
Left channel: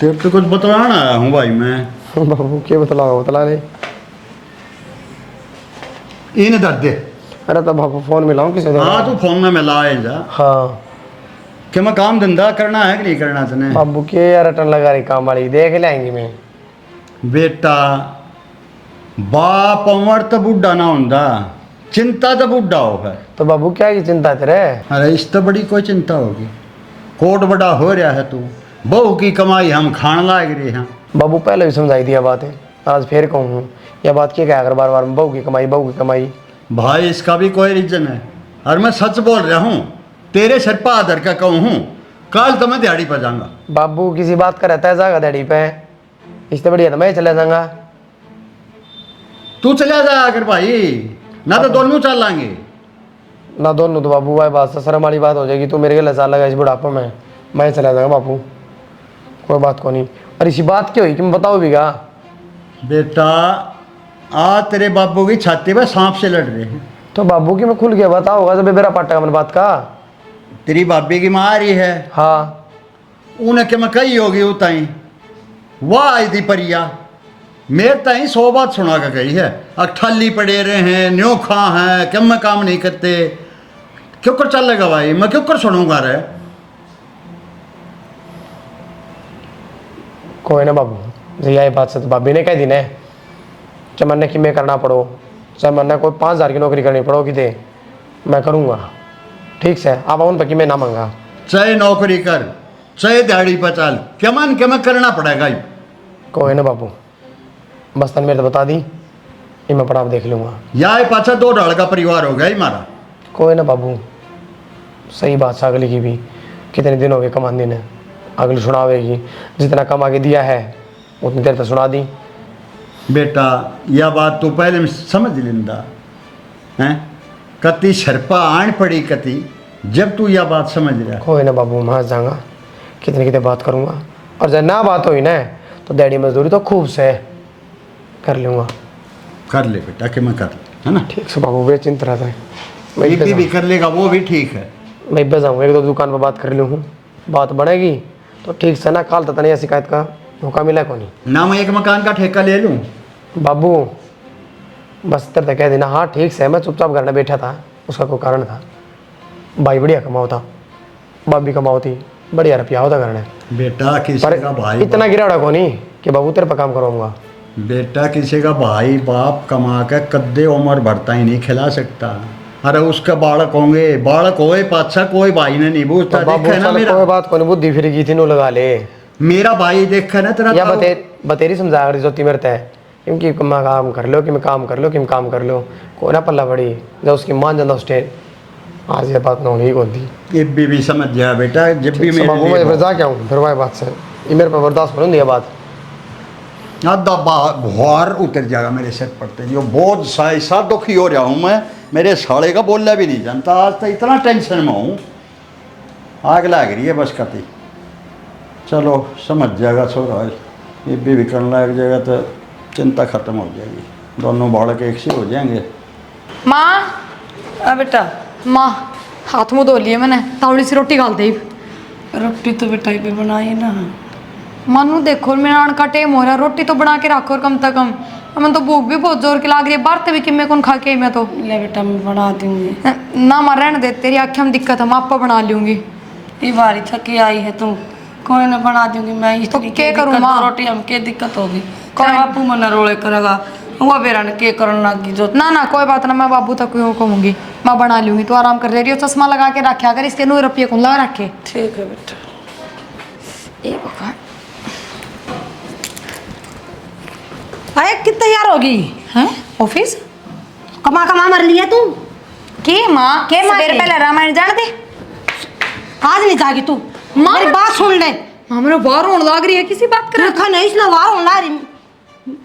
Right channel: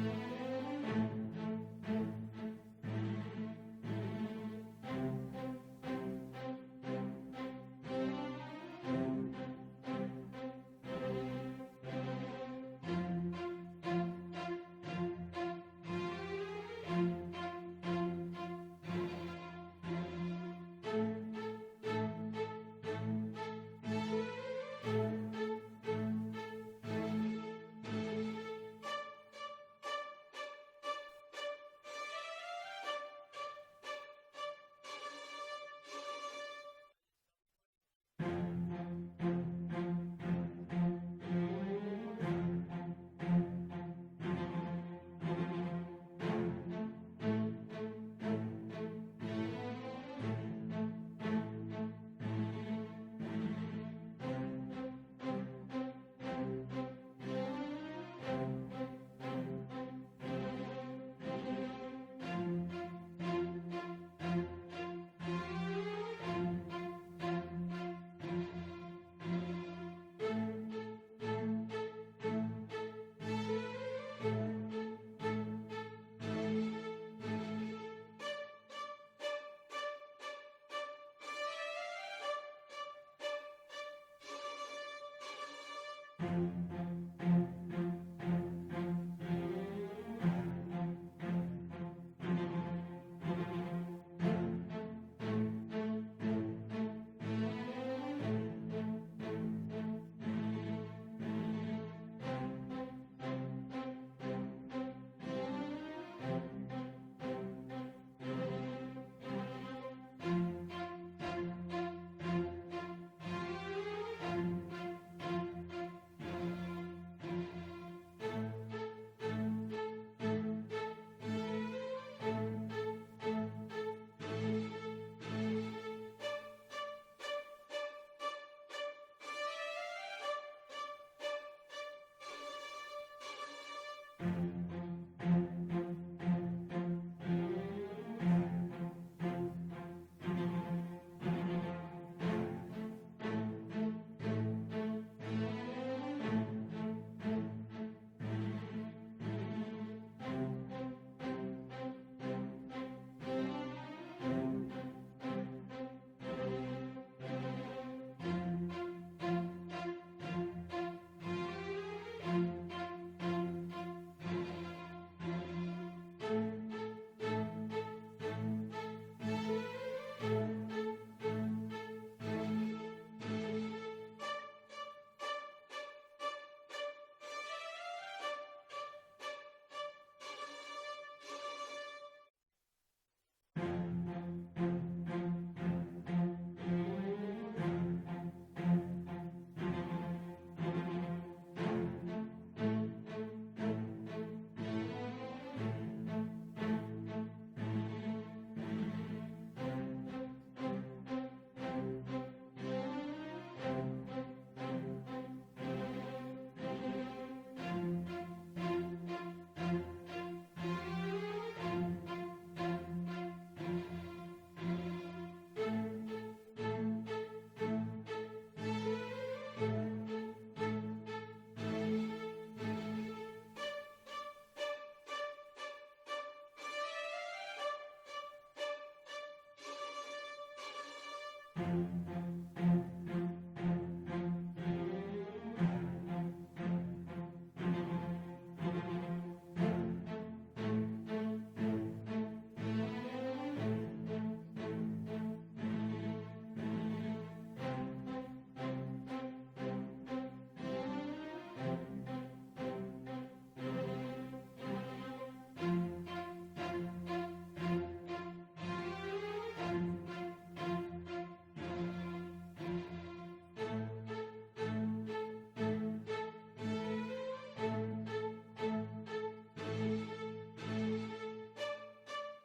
तेरे तो कुछ बतलाना आया हूँ भाई मैं। बाबू क्या बतला ले। इन दर्द दे। अरे तो बाबू फोन मिलाऊं किसी तरह। हाँ तू फोन में मिलाए जा हाँ कि मैं काम धंधा करना है कि नहीं करना तने। बाबू के यार रटन लगा रही काम वाली, देख लेंगी मैं। बेटा बाप उमर तो बुढ़ा ना होंदा, चिंता तो बुढ़ा होगा। तो बाबू क्या की चिंता तेरे? अरे इस तो बड़ी कोई चिंता होगी, कोट बड़ा हो रहा है तू, बहू की कमाई हम खान लाग रहे हैं। बाबू पहले भी समझाई दिया बातें, आज फिर कहूँ यह बात क्या क्या कर बार बार, बहू की कमाई। भाई इसका भी कोई रीजन है, और मैं सच बोल रहा हूँ, तेरे सर पर आदर का कहूँ हूँ, कल तो मैं दिहाड़ी पर जाऊंगा। बाबू किसी बात का रहता है जागा दिहाड़ी पे, इससे बढ़िया तो मैं चले जाऊंगा। तू चला जा अगर भाई, ना तो दोनों चल लाएंगे। ना दोनों तो बापू भाई बात से शर्म वाली बात हो जाएगी। तू मेरे के लसा लगा इस बुढ़ापे में, मैं चला जाऊंगा बापू, कोई बात को नहीं। और इसी बात क्या हुई कि मैं बताओ भी क्या? बेटा आज तेरे बाबू की छाती पे सांप से लड़ रहे हैं। तो बाबू की मैं खुल गया बता होगा जब मेरा पाटा का मन बात का। तेरी बाबी की माँ आ रही है, हाँ उन्हें क्या मैं कही होगी उताई, वाह आई थी परिया मेरे ताई 100 बात सुना कर गई है। अठल्ली पड़े रहे हैं, न्योखा हैं, क्यों मैं काम नहीं करते, क्यों कर चलेगा भाई, मैं क्यों कर सुनूंगा रे। कोई ना बाबू, जी यही बात से तो भाभी ने कह दी ना, चाहे मैंने कि मैं करना पड़ो, चाहे मैंने कोई 5,000 की नौकरी करनी पड़ो कि दे, मैं करूँगा। ठीक से आप उन पर कि मैं ना मांगा, चाहे नौकरी कर, चाहे दिहाड़ी पर चल, क्या मान के मैं करना पड़ेगा ही। कोई ना बाबू, बस तन मेरे तो बता दी, ये मैं पढ़ा देख लूँगा। या पाछा 2 ढाल का परिवार हो गया ही मारा। कोई ना बाबू, सही बात है अगली की भी, कितने दिन हो गए कमाने ने, अगली सुनावेगी, जितना कमा के दिया है उतनी देर तक सुना दी। बेटा यह बात तू पहले समझ लेंदा हैं, कति शर्पा आन पड़ी कति, जब तू यह बात समझ रहा। कोई ना बाबू, मैं जाऊँगा, कितने कितने बात करूँगा, और जब ना बात हुई ना तो डैडी मजदूरी तो खूब से कर लूँगा। कर ले बेटा कि मैं कर, है ना। ठीक से बाबू, बेचिंत रहता है, बीबी भी कर लेगा, वो भी ठीक है। मैं पे जाऊँगा, 1-2 दुकान पर बात कर लूँ, बात बढ़ेगी तो ठीक से ना, काल तक नहीं शिकायत का मौका मिला को नहीं ना मैं एक मकान का ठेका ले लूँ। बाबू, बस तेरे तक कह देना, हाँ ठीक से, मैं चुपचाप घर में बैठा था, उसका कोई कारण था। भाई बढ़िया कमाओ था, भाभी कमाओ थी, बढ़िया रुपया होता घर में, बेटा किसी पर का भाई इतना गिराड़ा को नहीं कि बाबू तेरे पर काम करूँगा। बेटा किसी का भाई बाप कमा के कद्दे उम्र भरता ही नहीं खिला सकता। अरे उसके बालक होंगे, बालक होए पाछा कोई भाई ने नहीं पूछता। तो बाबू देखा ना साले मेरा, कोई बात को नहीं, बुद्धि फिर की थी नो लगा ले, मेरा भाई देखा ना तेरा या ताऊ। बतेरी समझा कर जोती मेरे तय, क्योंकि मैं काम कर लो कि मैं काम कर लो कि मैं काम कर लो, कोई ना पल्ला बड़ी जब उसकी मान जाता उस टाइम, आज ये बात ना होनी होती। ये भी समझ जा बेटा, जब भी मेरे बाबू मैं फिर जा के आऊँ फिर वही बात से, ये मेरे पर बर्दाश्त करूँ ये बात। आधा बाहर उतर जाएगा मेरे सिर पड़ते, जो बहुत ऐसा दुखी हो रहा हूँ मैं, मेरे साले का बोलना भी नहीं जानता। आज तो इतना टेंशन में हूँ, आग लग रही है बस कति। चलो समझ जाएगा छोरा, ये भी करने लग जाएगा तो चिंता खत्म हो जाएगी, दोनों बालक एक से हो जाएंगे। माँ, बेटा माँ हाथ मुँह धो लिए मैंने, तावड़ी सी रोटी डाल दी। रोटी तो बेटा भी बनाई ना। मनु देखो मेरा आने का टाइम हो रहा है, रोटी तो बना के रखो और कम से कम, हमें तो भूख भी बहुत जोर की लग रही है, बाहर भी कि मैं कौन खा के आई मैं तो। ले बेटा मैं बना दूंगी। ना मां रहने दे, तेरी आँखें में दिक्कत है, मैं आपा बना लूंगी। ये बारी थकी आई है तुम, कोई ना बना दूंगी मैं। इस तो क्या करूं माँ? रोटी हम के दिक्कत होगी, कोई बापू मन रोले करेगा, वो बेरा ने के करन लगी जो। ना ना कोई बात ना, मैं बाबू तक क्यों कहूँगी, मैं बना लूंगी, तो आराम कर ले रही हो। चश्मा लगा के रखे, अगर इसके 9 रुपये कौन लगा रखे। ठीक है बेटा। अरे कितनी तैयार होगी हैं ऑफिस कमा कमा मर लिया तू। के माँ के माँ सवेरे के? पहले रामायण जान दे। आज नहीं जागी तू, माँ मेरी बात सुन ले। माँ मेरे बाहर होने लग रही है, किसी बात कर। देखा नहीं इसलिए वार होने लग रही।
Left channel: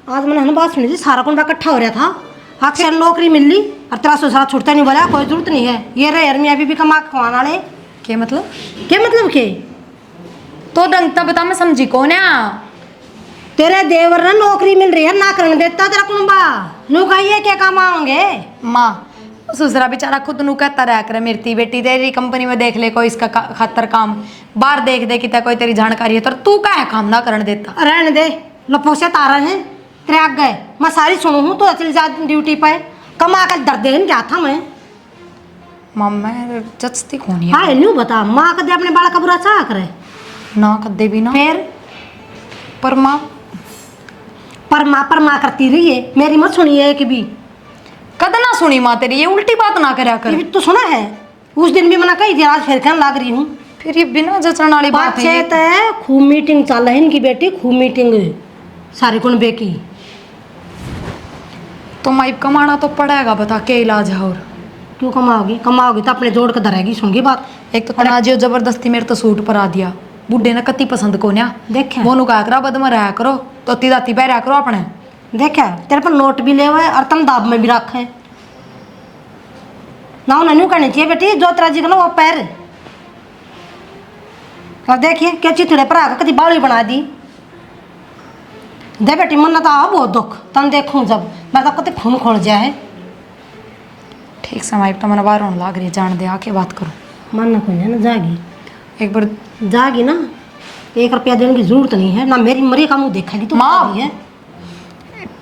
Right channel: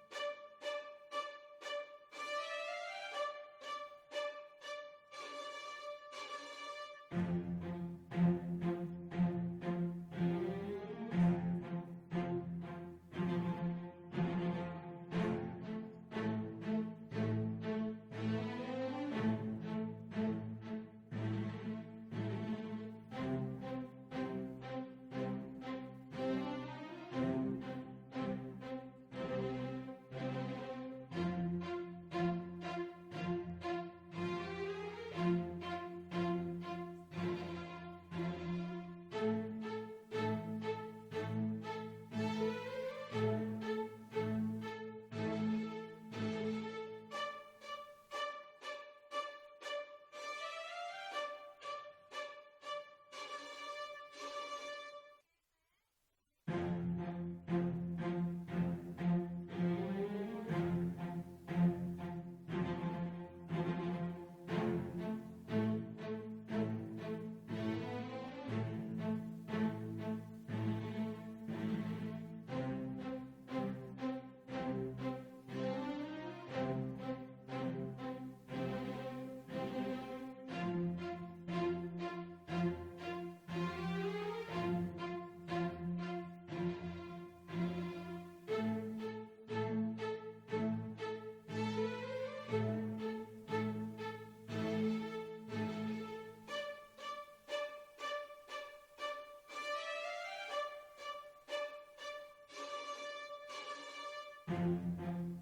आज मैंने बात सुनी थी, सारा कुंडा इकट्ठा हो रहा था, अक्सर नौकरी मिल ली और तेरा ससुरा छुटता नहीं, बोला कोई जरूरत नहीं है, ये रहे यार मियाँ भी कमा के खवाना वाले। के मतलब? क्या मतलब के? तो ढंग तब बता, मैं समझी कौन है। तेरे देवर ने नौकरी मिल रही है, ना करने देता तेरा कुंबा, नु कहिए क्या काम आओगे। माँ ससुरा बेचारा खुद नु कहता रहा करे, मेरी बेटी तेरी कंपनी में देख ले कोई इसका खातर काम, बाहर देख दे कि कोई तेरी जानकारी है, तो तू क्या है काम ना करने देता। रहने दे, लपो से तारा है तेरे आग गए, मैं सारी सुनू हूँ, तो चल जा ड्यूटी पे, कमा कर दर्द देने क्या था मैं। माँ मैं जचती कौन है? हाँ न्यू बता, माँ कदे अपने बाल का बुरा चाह करे ना कदे भी ना। फिर पर माँ परमा करती रही है, मेरी मत सुनिए कि भी कद ना सुनी माँ तेरी, ये उल्टी बात ना करया ये कर। भी तो सुना है, उस दिन भी मना कही थी, आज फिर कहने लग रही हूँ। फिर ये बिना जचण वाली बात है। बात खूब मीटिंग चल रही इनकी बेटी, खूब मीटिंग सारी कुन बेकी। तो माई कमाना तो पड़ेगा, बता के इलाज है। और क्यों कमाओगी? कमाओगी तो अपने जोड़ के धरेगी, सुनगी बात। एक तो तनाजियो जबरदस्ती मेरे तो सूट पर आ दिया, बुढ़े ने कति पसंद को ना देखे मोनू कहा करा बद में रहा करो, तो दाती पहरा करो अपने। देखा तेरे पर नोट भी ले हुए और तुम दाब में भी रखे ना उन्हें नहीं करनी चाहिए बेटी जो तेरा जी को ना वो पैर और देखिए क्या चिथड़े पर आकर कभी बावली बना दी दे बेटी मन तो आ बहुत दुख तन देखूं जब मैं तो कते खून खोल जाए है ठीक समय तो मैंने बाहर होने लग रही है जान दे आके बात करो मन ना खुल ना जागी एक बार जागी ना 1 रुपया देने की जरूरत नहीं है ना मेरी मरी का मुंह देखेगी तो माँ। है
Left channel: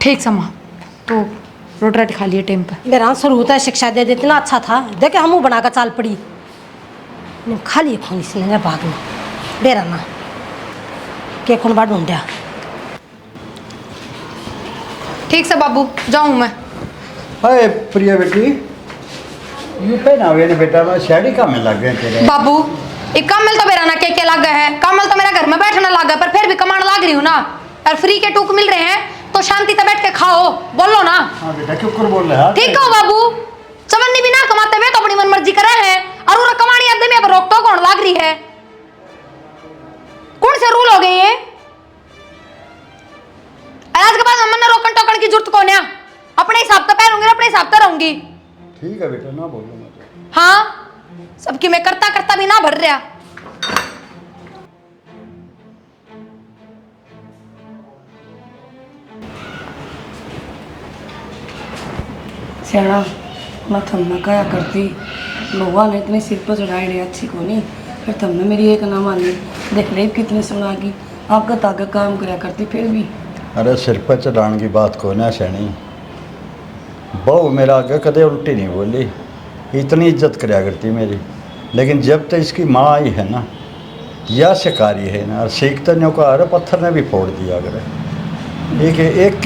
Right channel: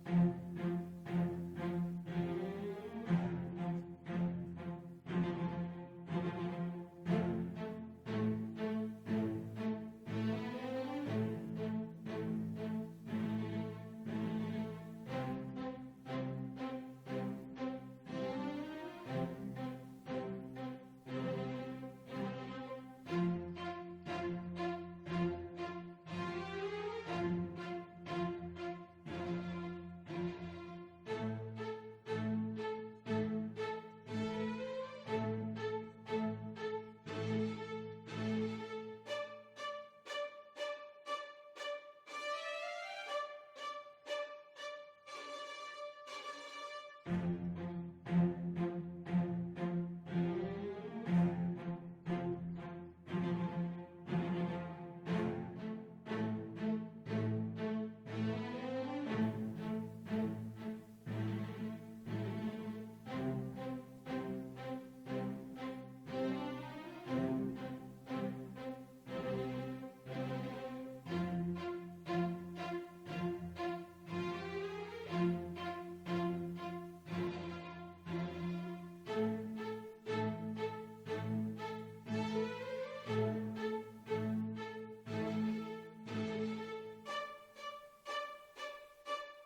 ठीक समा तो रोटी राटी खा लिए टाइम पर मेरा शुरू होता है शिक्षा दे दे इतना अच्छा था देखे हम बनाकर चाल पड़ी खा लिए खून इसने भाग में बेरा ना के खून बाढ़ ढूंढा ठीक से बाबू जाऊँ मैं अरे प्रिया बेटी यू पहनावे ने बेटा मैं साड़ी का में लग गए तेरे बाबू एक कमल तो मेरा ना के लग गया है कमल तो मेरा घर में बैठना लग गया पर फिर भी कमाने लग रही हूँ ना और फ्री के टूक मिल रहे हैं तो शांति से बैठ के खाओ बोलो ना हाँ बेटा क्यों कर बोल रहा है ठीक हो बाबू चवन्नी भी ना कमाते हुए तो अपनी मन मर्जी करे हैं और वो कमानी आदमी अब रोक टोक होने लग रही है कौन से रूल हो गए ये आज के बाद मन रोकन टोकन की जरूरत कौन है अपने हिसाब से पहनूंगी अपने हिसाब से रहूंगी ठीक है बेटा ना बोलो मत हाँ सबकी मैं करता करता भी ना भर रहा सियाना मैं थमना कया करती भगवान ने इतने सिर पर चढ़ाई रही अच्छी को नहीं फिर तुमने मेरी एक ना मानी देख ले कितने सुनागी आगे तागे काम कराया करती फिर भी अरे सिर पर चढ़ाने की बात को ना सैनी बहू मेरा आगे कदे उल्टी नहीं बोली इतनी इज्जत कराया करती मेरी लेकिन जब तक इसकी माँ आई है ना या शिकारी है ना और सीखते नहीं का अरे पत्थर ने भी फोड़ दिया अगर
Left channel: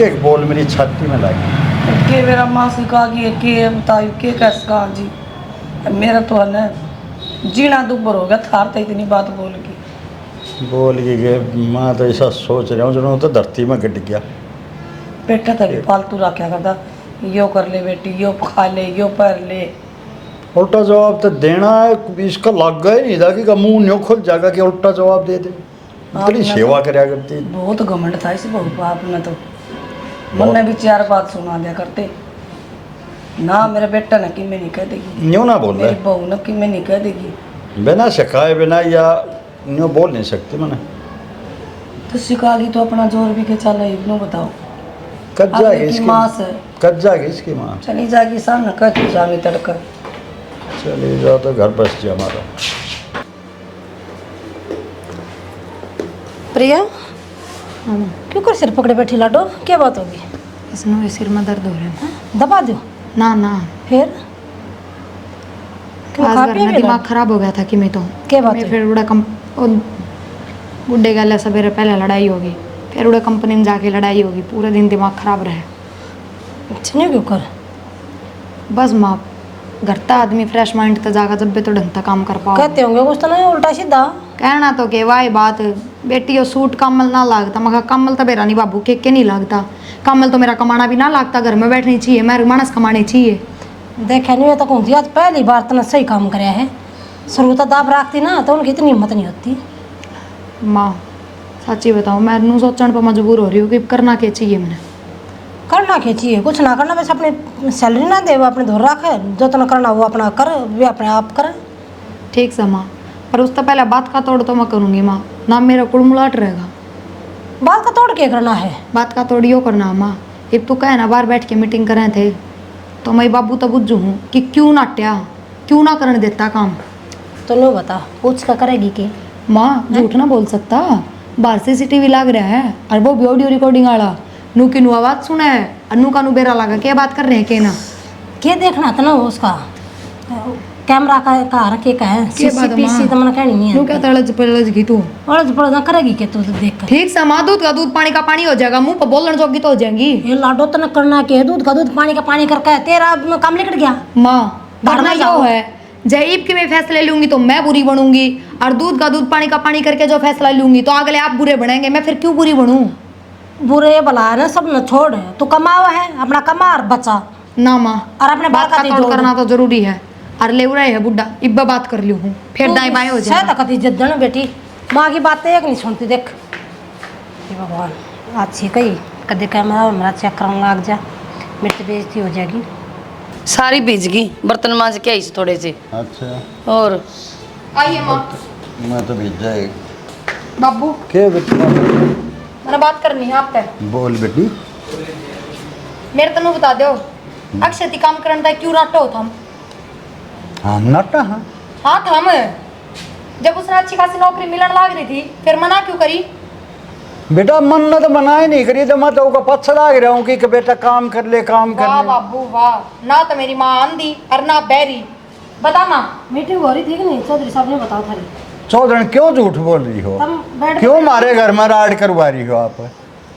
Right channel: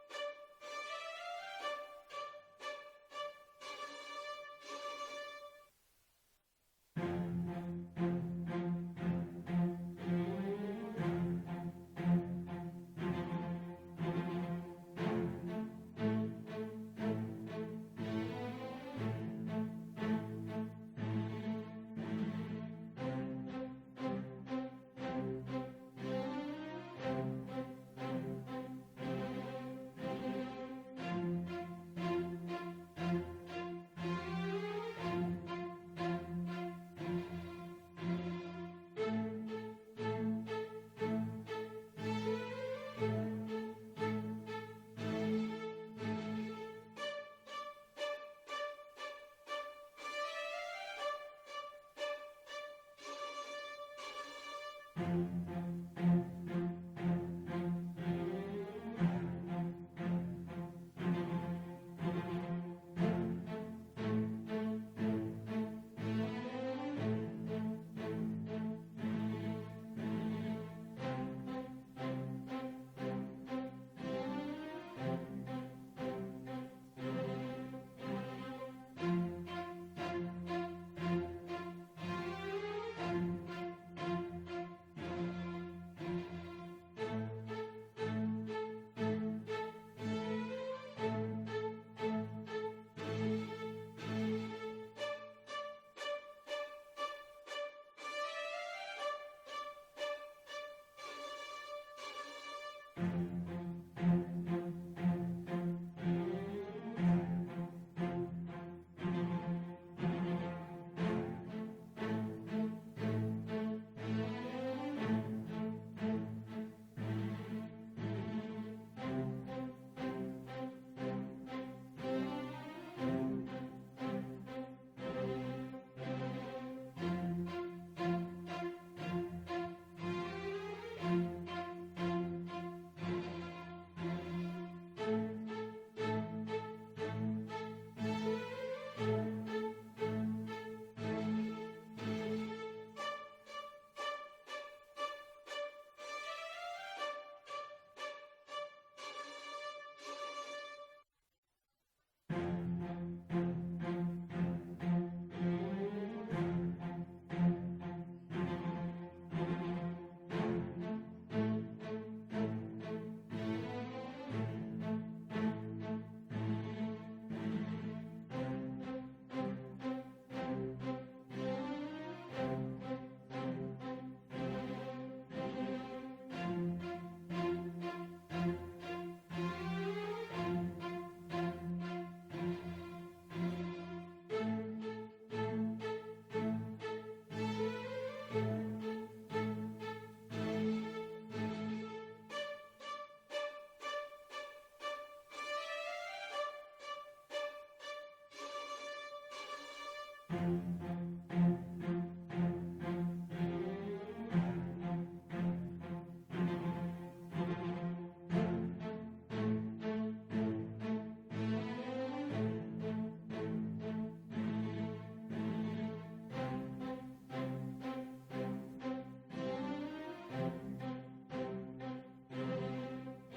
एक बोल मेरी छाती में लगी के मेरा माँ सिखा गई के बताई के कैसा जी मेरा तो है ना जीना दुबर हो गया थार तो इतनी बात बोल गए माँ तो ऐसा सोच रहा हूँ जो तो धरती में गिर गया बेटा तभी फालतू रखा करता यो कर ले बेटी यो खा ले यो पर ले उल्टा जवाब तो देना है इसका लग गया ही नहीं था कि मुंह न्यों खुल जाएगा कि उल्टा जवाब दे दे इतनी सेवा कराया करती बहुत घमंड था इस बहू बाप ने तो मन ने भी 4 बात सुना दिया करते ना मेरा बेटा न कि मैं नहीं कह देगी न्यों ना बोल मेरी रहे बहू न कि मैं नहीं कह देगी बिना सिखाए बिना या न्यों बोल नहीं सकती मैंने तो सिखा दी तो अपना जोर भी के चला इग्नो बताओ कब जाएगी की इसकी माँ से कब जाएगी इसकी माँ चली जाएगी सामने कह तू जामी तड़का चली जाओ तो घर बस जाए हमारा प्रिया क्यों कर सिर पकड़े बैठी लाडो क्या बात होगी इसमें सिर में दर्द हो रहा है दबा दो ना ना फिर क्यों आज खा घर पिया में मेरा? दिमाग खराब हो गया था कि मैं तो क्या बात मैं है? फिर उड़ा कम ओ, बुड्ढे गले सवेरे पहले लड़ाई होगी फिर उड़ा कंपनी में जाके लड़ाई होगी पूरा दिन दिमाग खराब रहे अच्छा नहीं क्यों कर बस माँ घर का आदमी फ्रेश माइंड तक जागा जब भी तो ढंग का काम कर पाओ कहते होंगे कुछ तो नहीं उल्टा सीधा कहना तो के वाई बात बेटी वो सूट कमल ना लागता मगर कमल तो मेरा नहीं बाबू के नहीं लागता कमल तो मेरा कमाना भी ना लागता घर में बैठनी चाहिए मेरे मानस कमाने चाहिए देखा नहीं तो कहूँ आज पहली बार तो सही काम कराया है शुरू तो दाब रखती ना तो उनकी इतनी हिम्मत नहीं होती माँ सच्ची बताओ मैं नू सोचने पर मजबूर हो रही हूँ कि करना क्या चाहिए मैंने करना क्या चाहिए कुछ ना करना बस अपनी सैलरी ना दे वो अपने धोर रखे जो तो ना करना वो अपना कर वे अपने आप करे ठीक से माँ पर उससे पहले बात का तोड़ तो मैं करूँगी माँ ना मेरा कुड़मुलाट रहेगा बात का तोड़ के करना है बात का तोड़ यो करना माँ अब तू कहे ना बाहर बैठ के मीटिंग करे थे तो मैं बाबू तो बुझू हूँ कि क्यों ना ट्या क्यों ना करने देता काम तो नो बता पूछ का करेगी के माँ झूठ ना बोल सकता बाहर CCTV लग रहा है और वो भी ऑडियो रिकॉर्डिंग वाला नू की नू आवाज सुना है और नू का नू बेरा लगा क्या बात कर रहे हैं के ना के देखना था ना वो उसका कैमरा का रखे का है के बात CCTV तो मैंने कहनी नू है क्या तड़ज पड़ज की तू और पड़ा करेगी के तू देख कर ठीक से माँ दूध का दूध पानी का पानी हो जाएगा मुंह पर बोलने जोगी तो हो जाएंगी ये लाडो तो न करना के दूध का दूध पानी का पानी करके तेरा काम निकट गया माँ घर में करना जो जाओ। है जयीब के मैं फैसले लूंगी तो मैं बुरी बनूंगी और दूध का दूध पानी का पानी करके जो फैसला लूंगी तो अगले आप बुरे बनेंगे मैं फिर क्यों बुरी बनूं बुरे भला है ना सब न छोड़ तू कमावा है अपना कमा और बचा ना माँ और अपने बात का तोड़ करना तो जरूरी है और ले रहे है बुड्ढा इब्बा बात कर लियो हूँ फिर दाएं बाएं हो जाए शायद कति जिद्दन बेटी माँ की बात एक नहीं सुनती देख हे भगवान अच्छी कही कदे कैमरा मेरा चेक करने लग जा, मेरी तो बेइज्जती हो जाएगी। सारी भीज गई, बर्तन मांज के आई सी थोड़े से। अच्छा और आइए माँ। मैं तो भेजा है। बाबू क्या बेटी मैंने बात करनी है आपसे। बोल बेटी। मेरे तनु बता दो, अक्षय ती काम करने का क्यों राटो हो थम? हाँ नटा हाँ हाँ थम। जब उसने अच्छी खासी नौकरी मिलने लग रही थी, फिर मना क्यों करी? बेटा मन ने तो मना ही नहीं करी, तो मैं तो उसका पछ लाग रहा हूँ कि बेटा काम कर ले काम कर वाह ले। बाबू वाह, ना तो मेरी माँ आंधी और ना बैरी। बता माँ। मीटिंग हो रही थी कि नहीं? चौधरी साहब ने बताओ थारी। चौधरी क्यों झूठ बोल रही हो? तुम बैठ क्यों मारे घर में राड करवा रही हो आप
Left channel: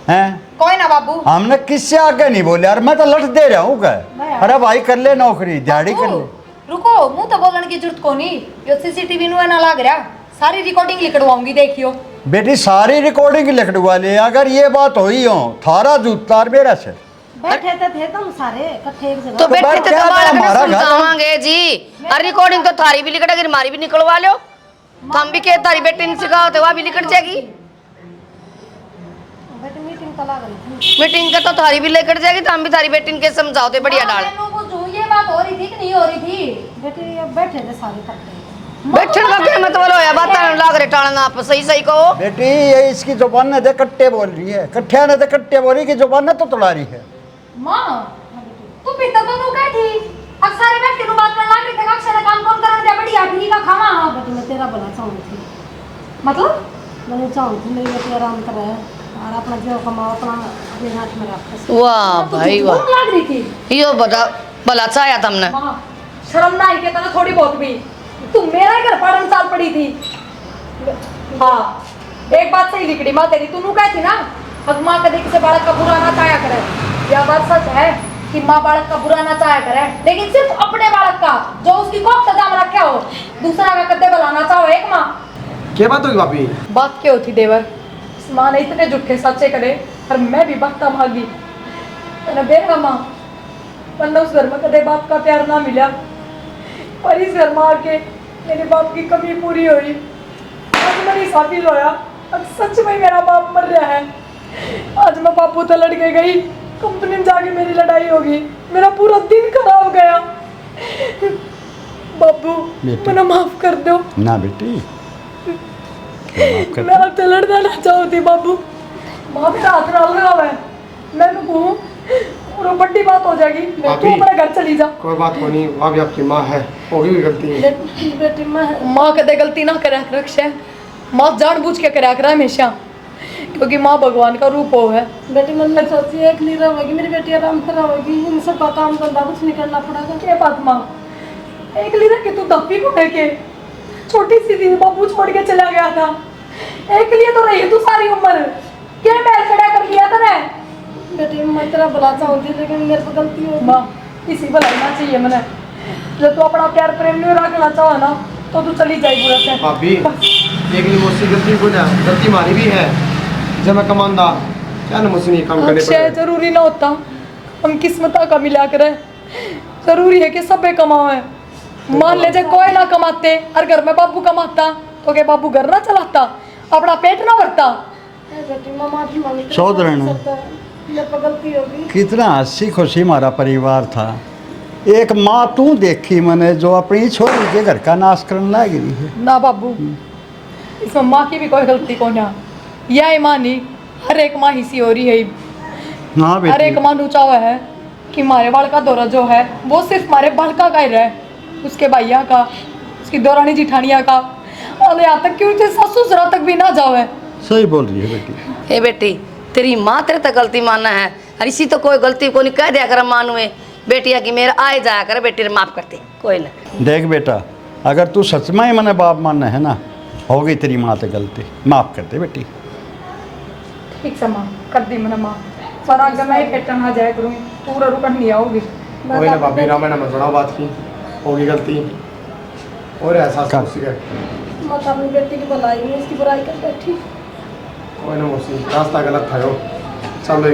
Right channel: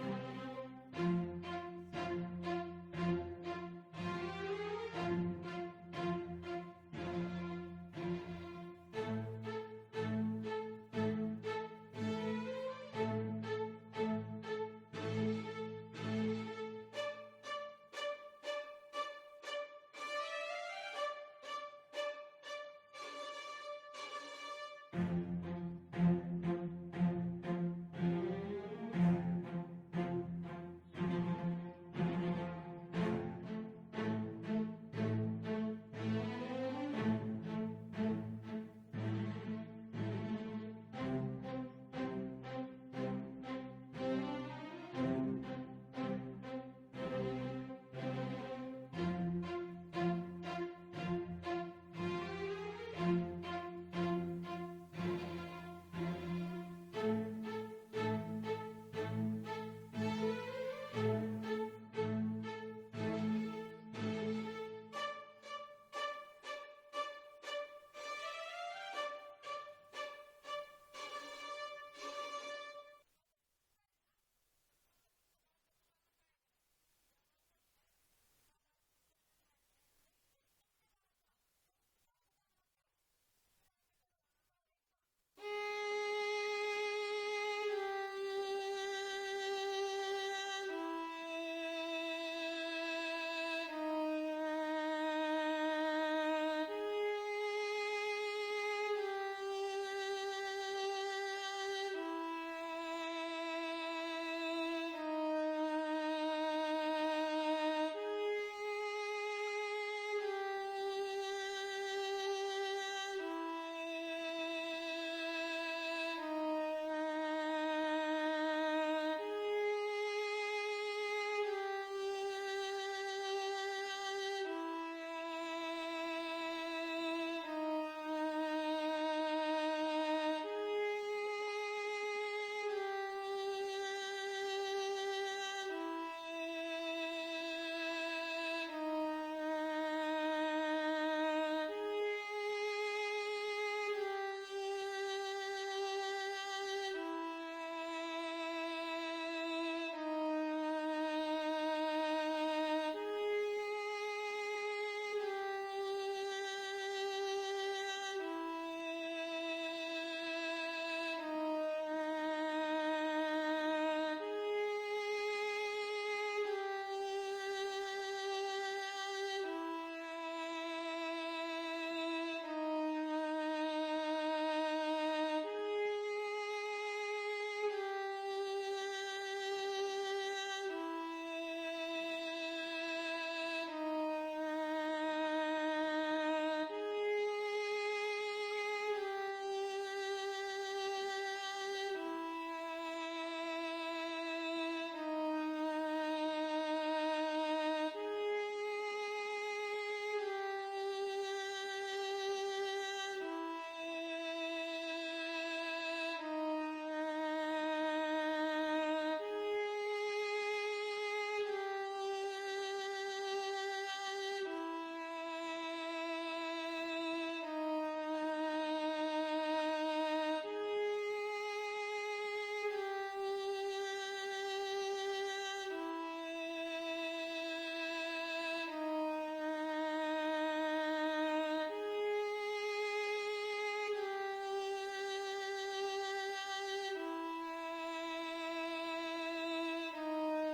हैं? कोई ना बाबू। हमने किससे आगे नहीं बोले यार, मैं तो लट दे रहा हूँ क्या? अरे भाई कर ले नौकरी, दिहाड़ी कर ले। रुको, मुंह तो बोलने की जरूरत को नहीं। यो सीसीटीवी नु ना लग रहा, सारी रिकॉर्डिंग लिखवाऊंगी, देखियो। बेटी सारी रिकॉर्डिंग लिखवा ले, अगर ये बात हुई हो थारा जूतार मेरा से। बैठे थे तुम सारे इकट्ठे एक जगह। तो बैठे बैठ थे क्या तो बालक ने हमारा घर है? समझावांगे जी। और रिकॉर्डिंग तो थारी भी लिखट, अगर हमारी भी निकलवा लो तो हम भी के तारी बेटी ने सिखाओ तो वह भी लिखट जाएगी। बैठे मीटिंग तो लग रही थी। मीटिंग का तो थारी भी लेकर जाएगी, तो हम भी थारी बेटी के समझाओ तो बढ़िया डाल। ये बात हो रही थी कि नहीं हो रही थी? बेटे ये बैठे थे सारे इकट्ठे। बैठन का क्या मतलब होया? बात लाग रहे टालना, आप सही सही कहो। बेटी ये इसकी जुबान ने कट्टे बोल रही है, कट्ठिया ने कट्टे बोल रही की जुबान ने तो तुड़ा रही है। माँ तू पीता तो तू क्या थी? अक्सर बैठ के बात करने लग रही थी, अक्सर काम कौन करने दे, बढ़िया ठीक का खावा। हाँ बेटे मैं तेरा भला चाहूँ थी। मतलब मैंने चाहूँ थी मेरी बेटी आराम करे और अपना जो कमाओ अपना अपने हाथ में रखे। वाह भाई वाह, कौन लग रही थी? यो बता भला चाया तुमने। माँ शर्म ना आई के तना थोड़ी बहुत भी। तू मेरा ही घर पढ़न साल पड़ी थी। हाँ एक बात सही लिखड़ी माँ तेरी, तू कह थी ना अब माँ कभी किसी बालक का बुरा ना चाया करे। यह बात सच है कि माँ बालक का बुरा ना चाया करे, लेकिन सिर्फ अपने बालक का जो उसकी कोख सजाम रखे हो, दूसरा का कदे बुलाना चाहो। एक माँ क्या बात होगी भाभी? बात क्या होती देवर? इस माँ ने इतने झूठे सच्चे करे और मैं भी बख्ता भागी। मैंने देखा माँ वरना उस घर में कदे बाप का प्यार ना मिला, पर इस घर में आके मेरे बाप की कमी पूरी हुई। आज मेरी शादी होया, अब सच में मेरा बाप मर रहा है। आज मैं बापू तो लड़ के गई, कंपनी में जाके मेरी लड़ाई होगी, मेरा पूरा दिन खराब गया। बापू मैंने माफ कर दो ना बेटी मैं आपसे लड़ना ना चाहती। बाबू माँ मेरा हाथ डाल रहा है, मैं कहूँ और बड़ी बात हो जाएगी। तू अपने घर चली जा। कोई बात को नहीं, वहाँ भी आपकी माँ है, होगी भी गलती है। बेटी मैं माँ कदे गलती ना करे रक्षा, माँ जानबूझ के करे कर हमेशा, क्योंकि माँ भगवान का रूप हो है। बेटी मन में सोची एक नहीं रहेगी, मेरी बेटी आराम से रहेगी, इन सब का काम धंधा कुछ नहीं करना पड़ेगा। क्या बात माँ, एक लीरा कि तू दफी को के छोटी सी थी, बाबू छोड़ के चला गया था। एक लिए तो रही तू सारी उम्र, क्या मैल खड़ा कर लिया तने? बेटी मैं तेरा भला चाहती लेकिन मेरे से गलती हो माँ इसी भलाई ना चाहिए मैंने। जब तू अपना प्यार प्रेम नहीं रखना चाहो ना तो तू चली जाएगी पूरा से। भाभी एक नहीं मुझसे गलती को ना, गलती हमारी भी है। जब मैं कमांदा क्या ना मुझसे नहीं काम करने अक्षय पड़े। जरूरी ना होता हम किस्मत का मिला करे, जरूरी है कि सब कमाए। मान ले जाए कोई ना कमाते और घर में बाबू कमाता तो क्या बाबू घर ना चलाता, अपना पेट ना भरता? बेटी मैं माफी मांगती चौधरी ने मेरे पर गलती होगी। कितना हंसी खुशी हमारा परिवार था। एक माँ तू देखी मैंने जो अपनी छोरी के घर का नाश करने लग रही है। ना बाबू इसमें माँ की भी कोई गलती को ना, यह माँ नहीं हर एक माँ ही सी हो रही है। हाँ हर एक बेटी माँ नुचा हुआ है कि हमारे बाल का दौरा जो है वो सिर्फ हमारे बालका का ही रहे, उसके भैया का, उसकी दौरानी जिठानिया का, और यहाँ तक कि उसके ससुर तक भी ना जाओ है। सही बोल रही है बेटी। ए बेटी तेरी माँ तेरे तक गलती मानना है, और इसी तो कोई गलती को नहीं कह दिया कर मानुए बेटिया की मेरा आए जाया कर, बेटी ने माफ करते कोई ना। देख बेटा अगर तू सच में ही मैंने बाप मानना है ना, होगी तेरी माँ से गलती, माफ कर दे बेटी। ठीक से माँ कर दी मैंने माँ, पर आगे मैं पेटन आ जाया करूँगी, पूरा रुकन नहीं आओगी। कोई ना भाभी, रामायण मत बढ़ाओ बात की, होगी गलती और एहसास कर। मुझसे है। मैं तो अपनी बेटी की भलाई में इसकी बुराई कर बैठी। कोई ना मुझसे रास्ता गलत था यो, चलो